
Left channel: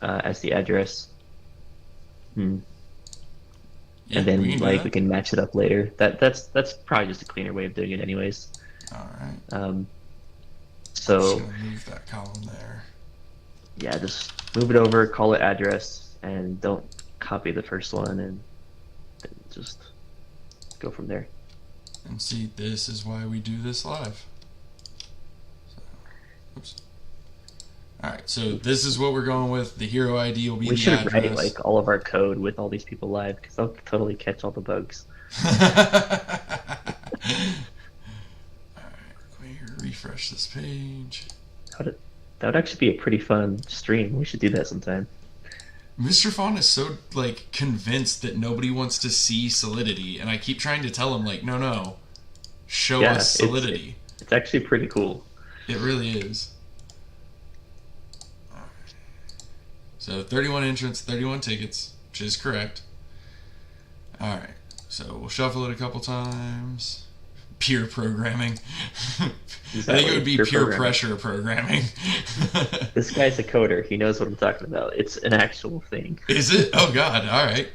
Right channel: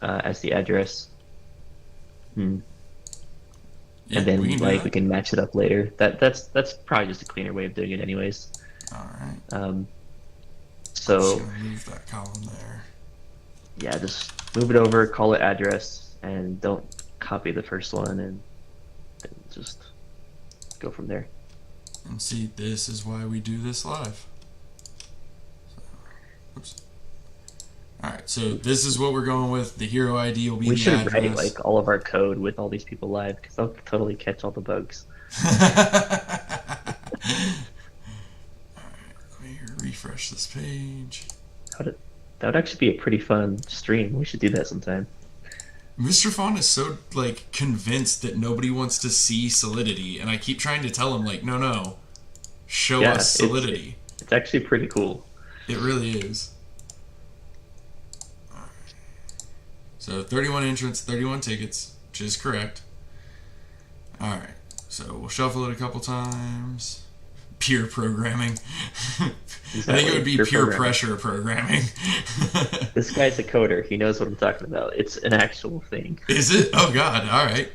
as the address. And then like we can match it up later. That's probably just a cleaner way of doing it, anyways. So yeah, just move it over, call it address, and don't copy the first one, and just go from there. See, this is why we do this live. Oops. All right, so this is what we're going with. The hero ID will be. We should write like all of our code with all these people live because they'll totally catch all the bugs. All right, let me refresh this page. That would actually be a pretty fun stream. We should do that sometime. Mr. Fawn is so like convinced that nobody wants to see Solidity, and I keep trying to tell him like, no, show us Solidity. It's actually pretty cool. It really is. So 31 entrants, 31 tickets, which is correct. All right, so we'll shuffle it a couple times. Peer programming. Exactly. Peer programming. Pressure programming. This guy's a coder. He knows what I'm talking about. It's an actual thing. Is it? Oh God! All right.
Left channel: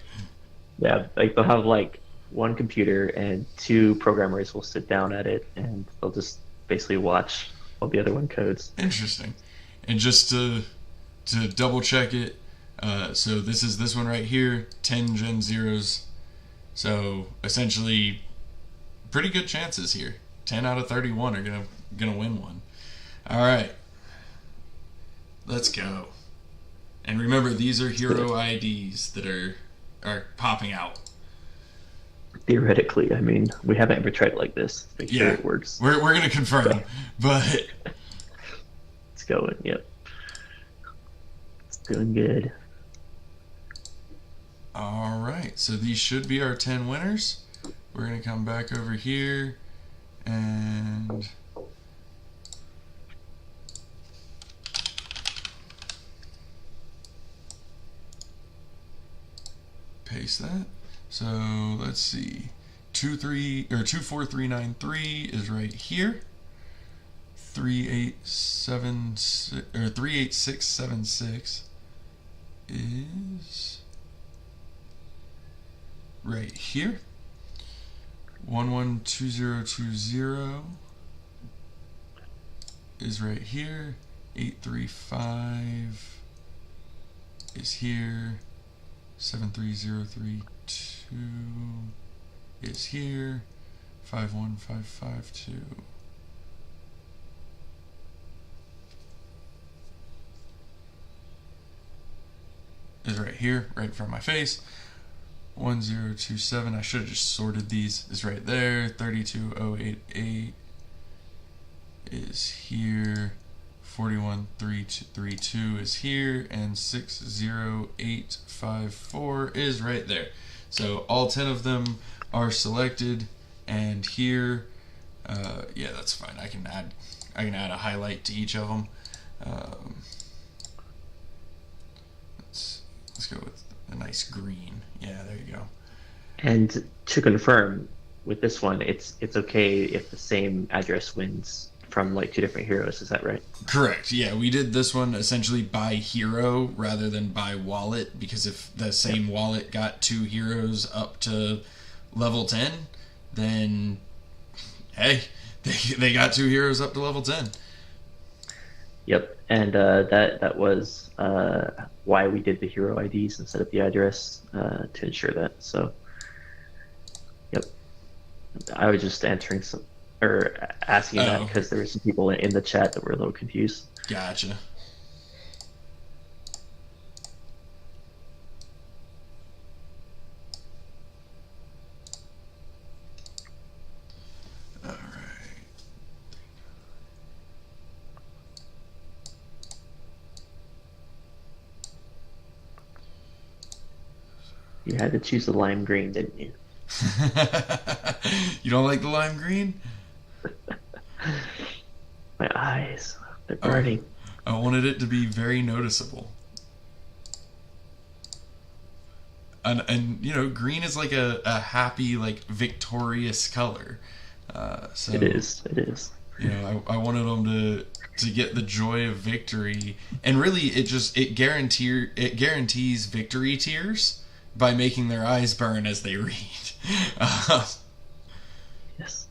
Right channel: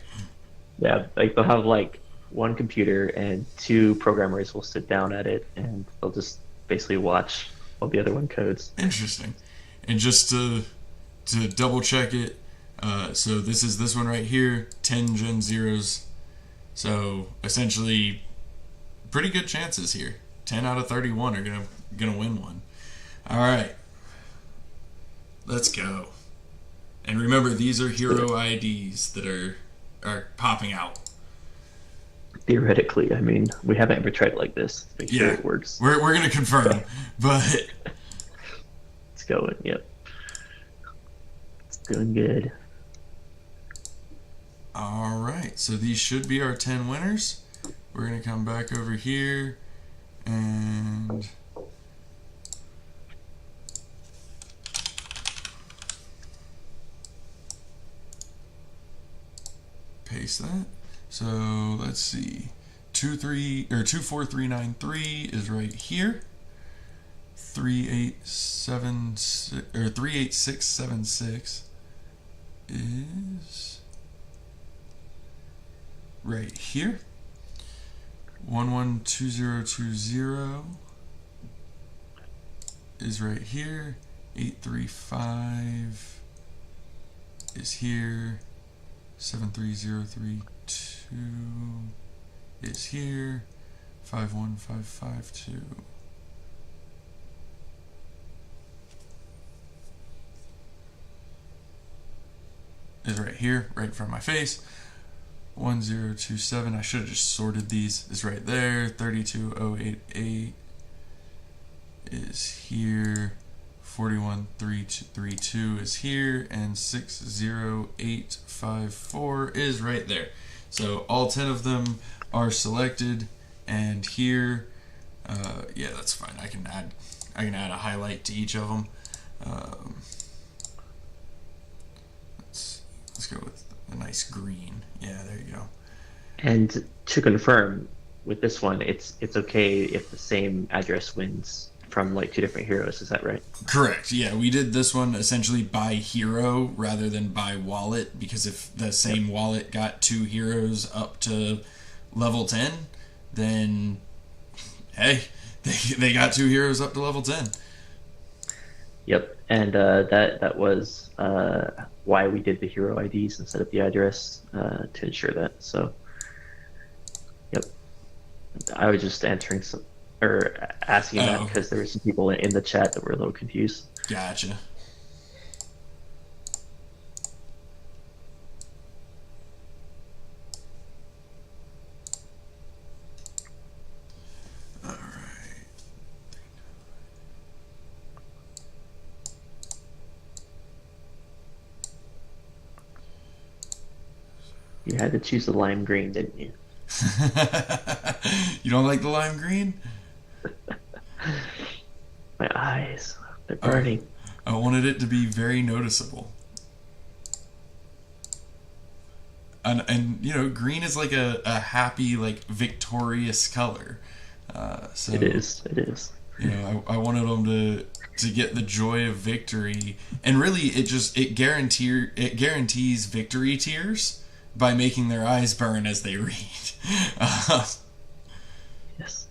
Yeah, like they'll have like one computer and 2 programmers will sit down at it and they'll just basically watch while the other one codes. Interesting. And just to double check it, so this one right here, 10 Gen0s. So essentially, pretty good chances here. 10 out of 31 are gonna win one. All right, let's go. And remember, these are hero IDs that are popping out. Theoretically, I mean, we haven't ever tried it like this. Make sure it works. We're gonna confirm, but it's going. Yep, it's doing good. All right, so these should be our 10 winners. We're gonna come back over here and paste that. So let's see, 24393 is right here. 38676 is right here. 112020 is right here. 835 is here. 73032 is here. 51552 is right here, right in front of my face. 1027, I should have just sorted these, is right there. 32088 is here. 41332 is here, and 60854 is right there. So all 10 of them are selected, and here, yeah, that's fine. I can add a highlight to each of them. Let's go with a nice green. Yeah, there you go. And to confirm, with this one, it's okay if the same address wins from like 2 different heroes. Is that right? Correct. Yeah, we did this one essentially by hero rather than by wallet because if the same Yep. wallet got two heroes up to level 10, then hey, they got two heroes up to level 10. Yep. And that was why we did the hero IDs instead of the address to ensure that. So, yep. I was just answering some or asking that Oh, because there were some people in the chat that were a little confused. gotcha. You had to choose the lime green, didn't you? You don't like the lime green? My eyes, they're I, burning. I wanted it to be very noticeable. And you know, green is like a happy, like victorious color. So It is. It is. you know, I wanted them to get the joy of victory, and really, it guarantees victory tears by making their eyes burn as they read. Uh, Yes.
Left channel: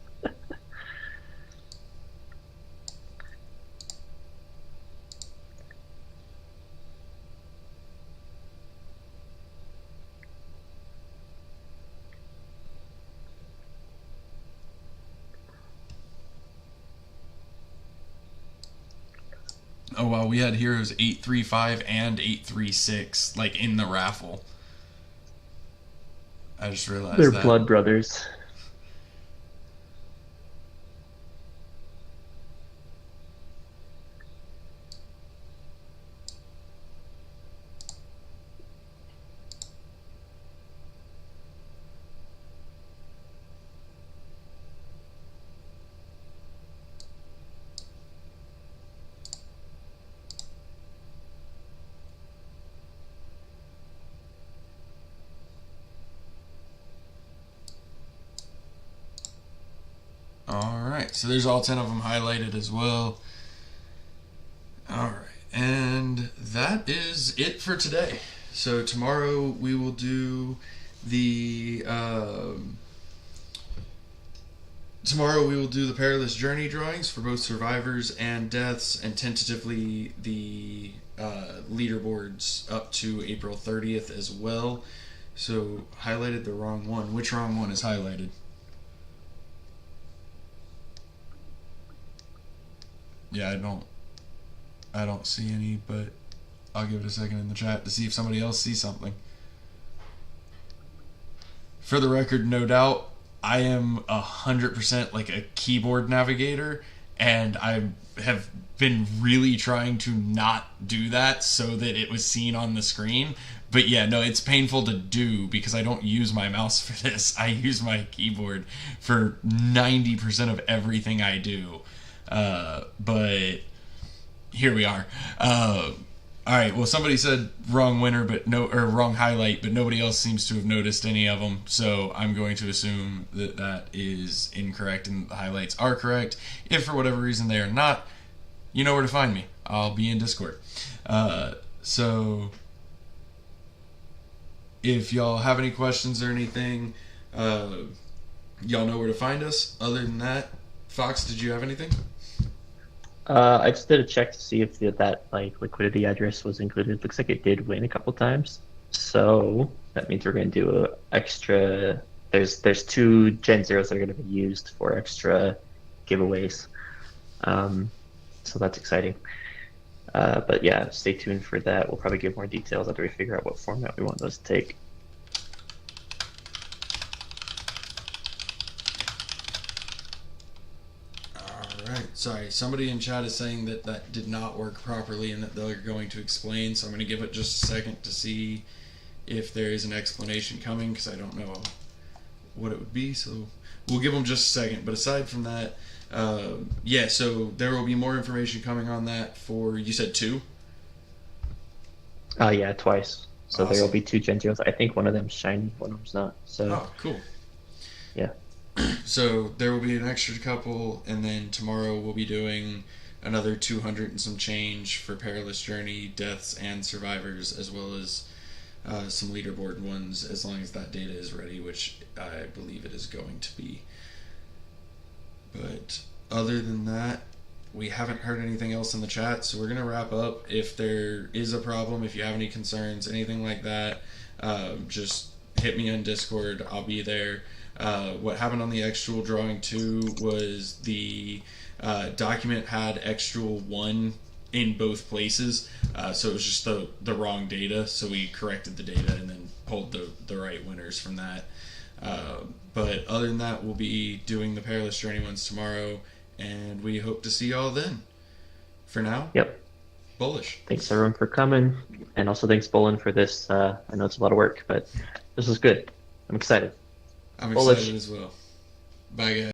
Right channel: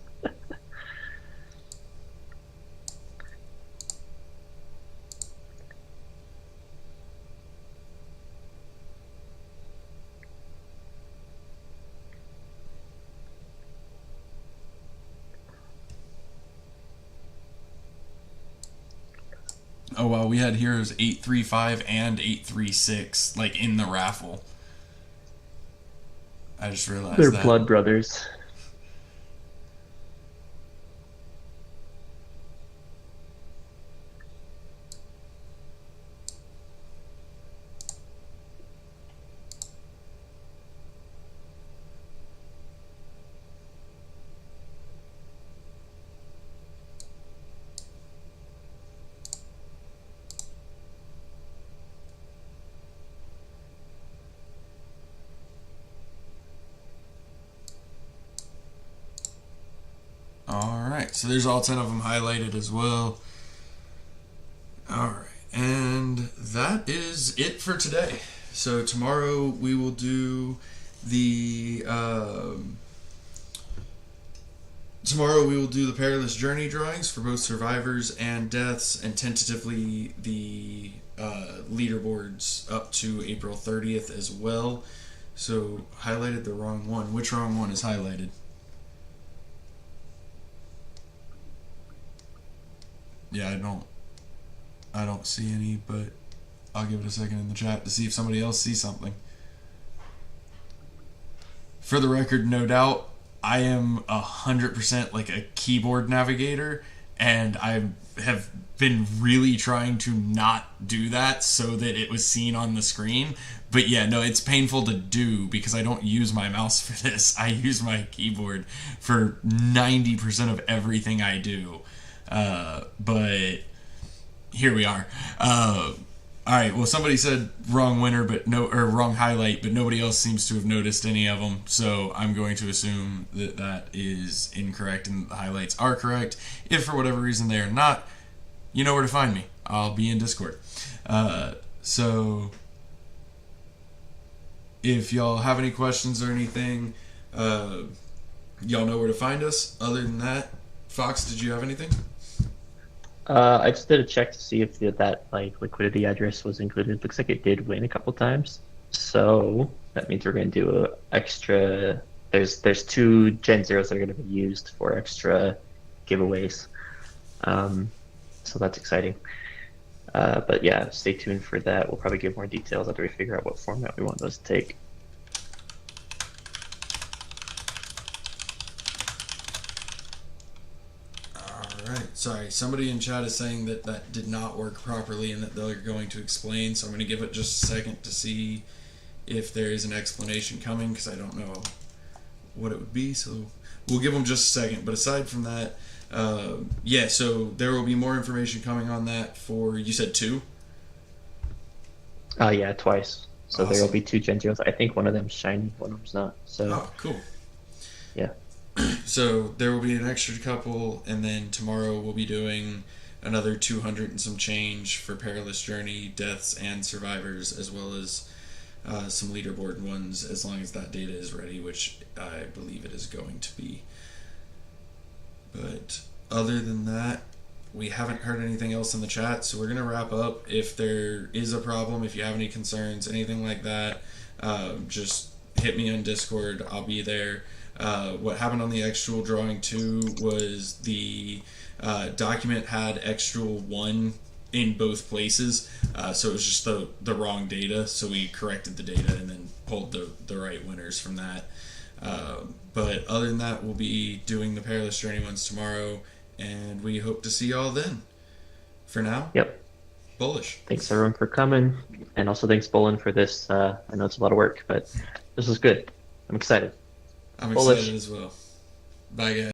oh well, we had heroes 835 and 836 like in the raffle. I just They're realized that. blood brothers. All right, so there's all 10 of them highlighted as well. All right, and that is it for today. So tomorrow we will do the tomorrow we will do the perilous journey drawings for both survivors and deaths, and tentatively the leaderboards up to April 30th as well. So highlighted the wrong one. Which wrong one is highlighted? Yeah, I don't see any, but I'll give it a second in the chat to see if somebody else sees something. For the record, no doubt, I am 100% like a keyboard navigator, and I have been really trying to not do that so that it was seen on the screen. But yeah, no, it's painful to do because I don't use my mouse for this. I use my keyboard for 90% of everything I do. But here we are. All right. Well, somebody said wrong winner, but no, or wrong highlight, but nobody else seems to have noticed any of them. So I'm going to assume that that is incorrect and the highlights are correct. If for whatever reason they are not, you know where to find me. I'll be in Discord. So if y'all have any questions or anything, y'all know where to find us. Other than that, Fox, did you have anything? I just did a check to see if that like liquidity address was included. Looks like it did win a couple times. So that means we're going to do a extra. There's two Gen Zeros that are going to be used for extra giveaways. So that's exciting. But yeah, stay tuned for that. We'll probably give more details after we figure out what format we want those to take. Alright, sorry. Somebody in chat is saying that that did not work properly and that they're going to explain, so I'm going to give it just a second to see if there is an explanation coming, because I don't know what it would be, so we'll give them just a second. But aside from that, yeah, so there will be more information coming on that for, you said two? Yeah, twice. So there will Awesome. be two Gen Zeros. I think one of them's shiny, one of them's not. So Oh, cool. yeah. So there will be an extra couple, and then tomorrow we'll be doing another 200 and some change for Perilous Journey, deaths, and survivors, as well as some leaderboard ones, as long as that data is ready, which I believe it is going to be. But other than that, we haven't heard anything else in the chat, so we're going to wrap up. If there is a problem, if you have any concerns, anything like that, just hit me on Discord. I'll be there. What happened on the extra drawing 2 was the document had extra 1 in both places, so it was just the wrong data, so we corrected the data and then pulled the right winners from that. But other than that, we'll be doing the Perilous Journey ones tomorrow, and we hope to see y'all then. For now, Yep. bullish. Thanks everyone for coming, and also thanks Bolin for this. I know it's a lot of work, but this was good. I'm excited. I'm Bullish. excited as well. Bye, guys.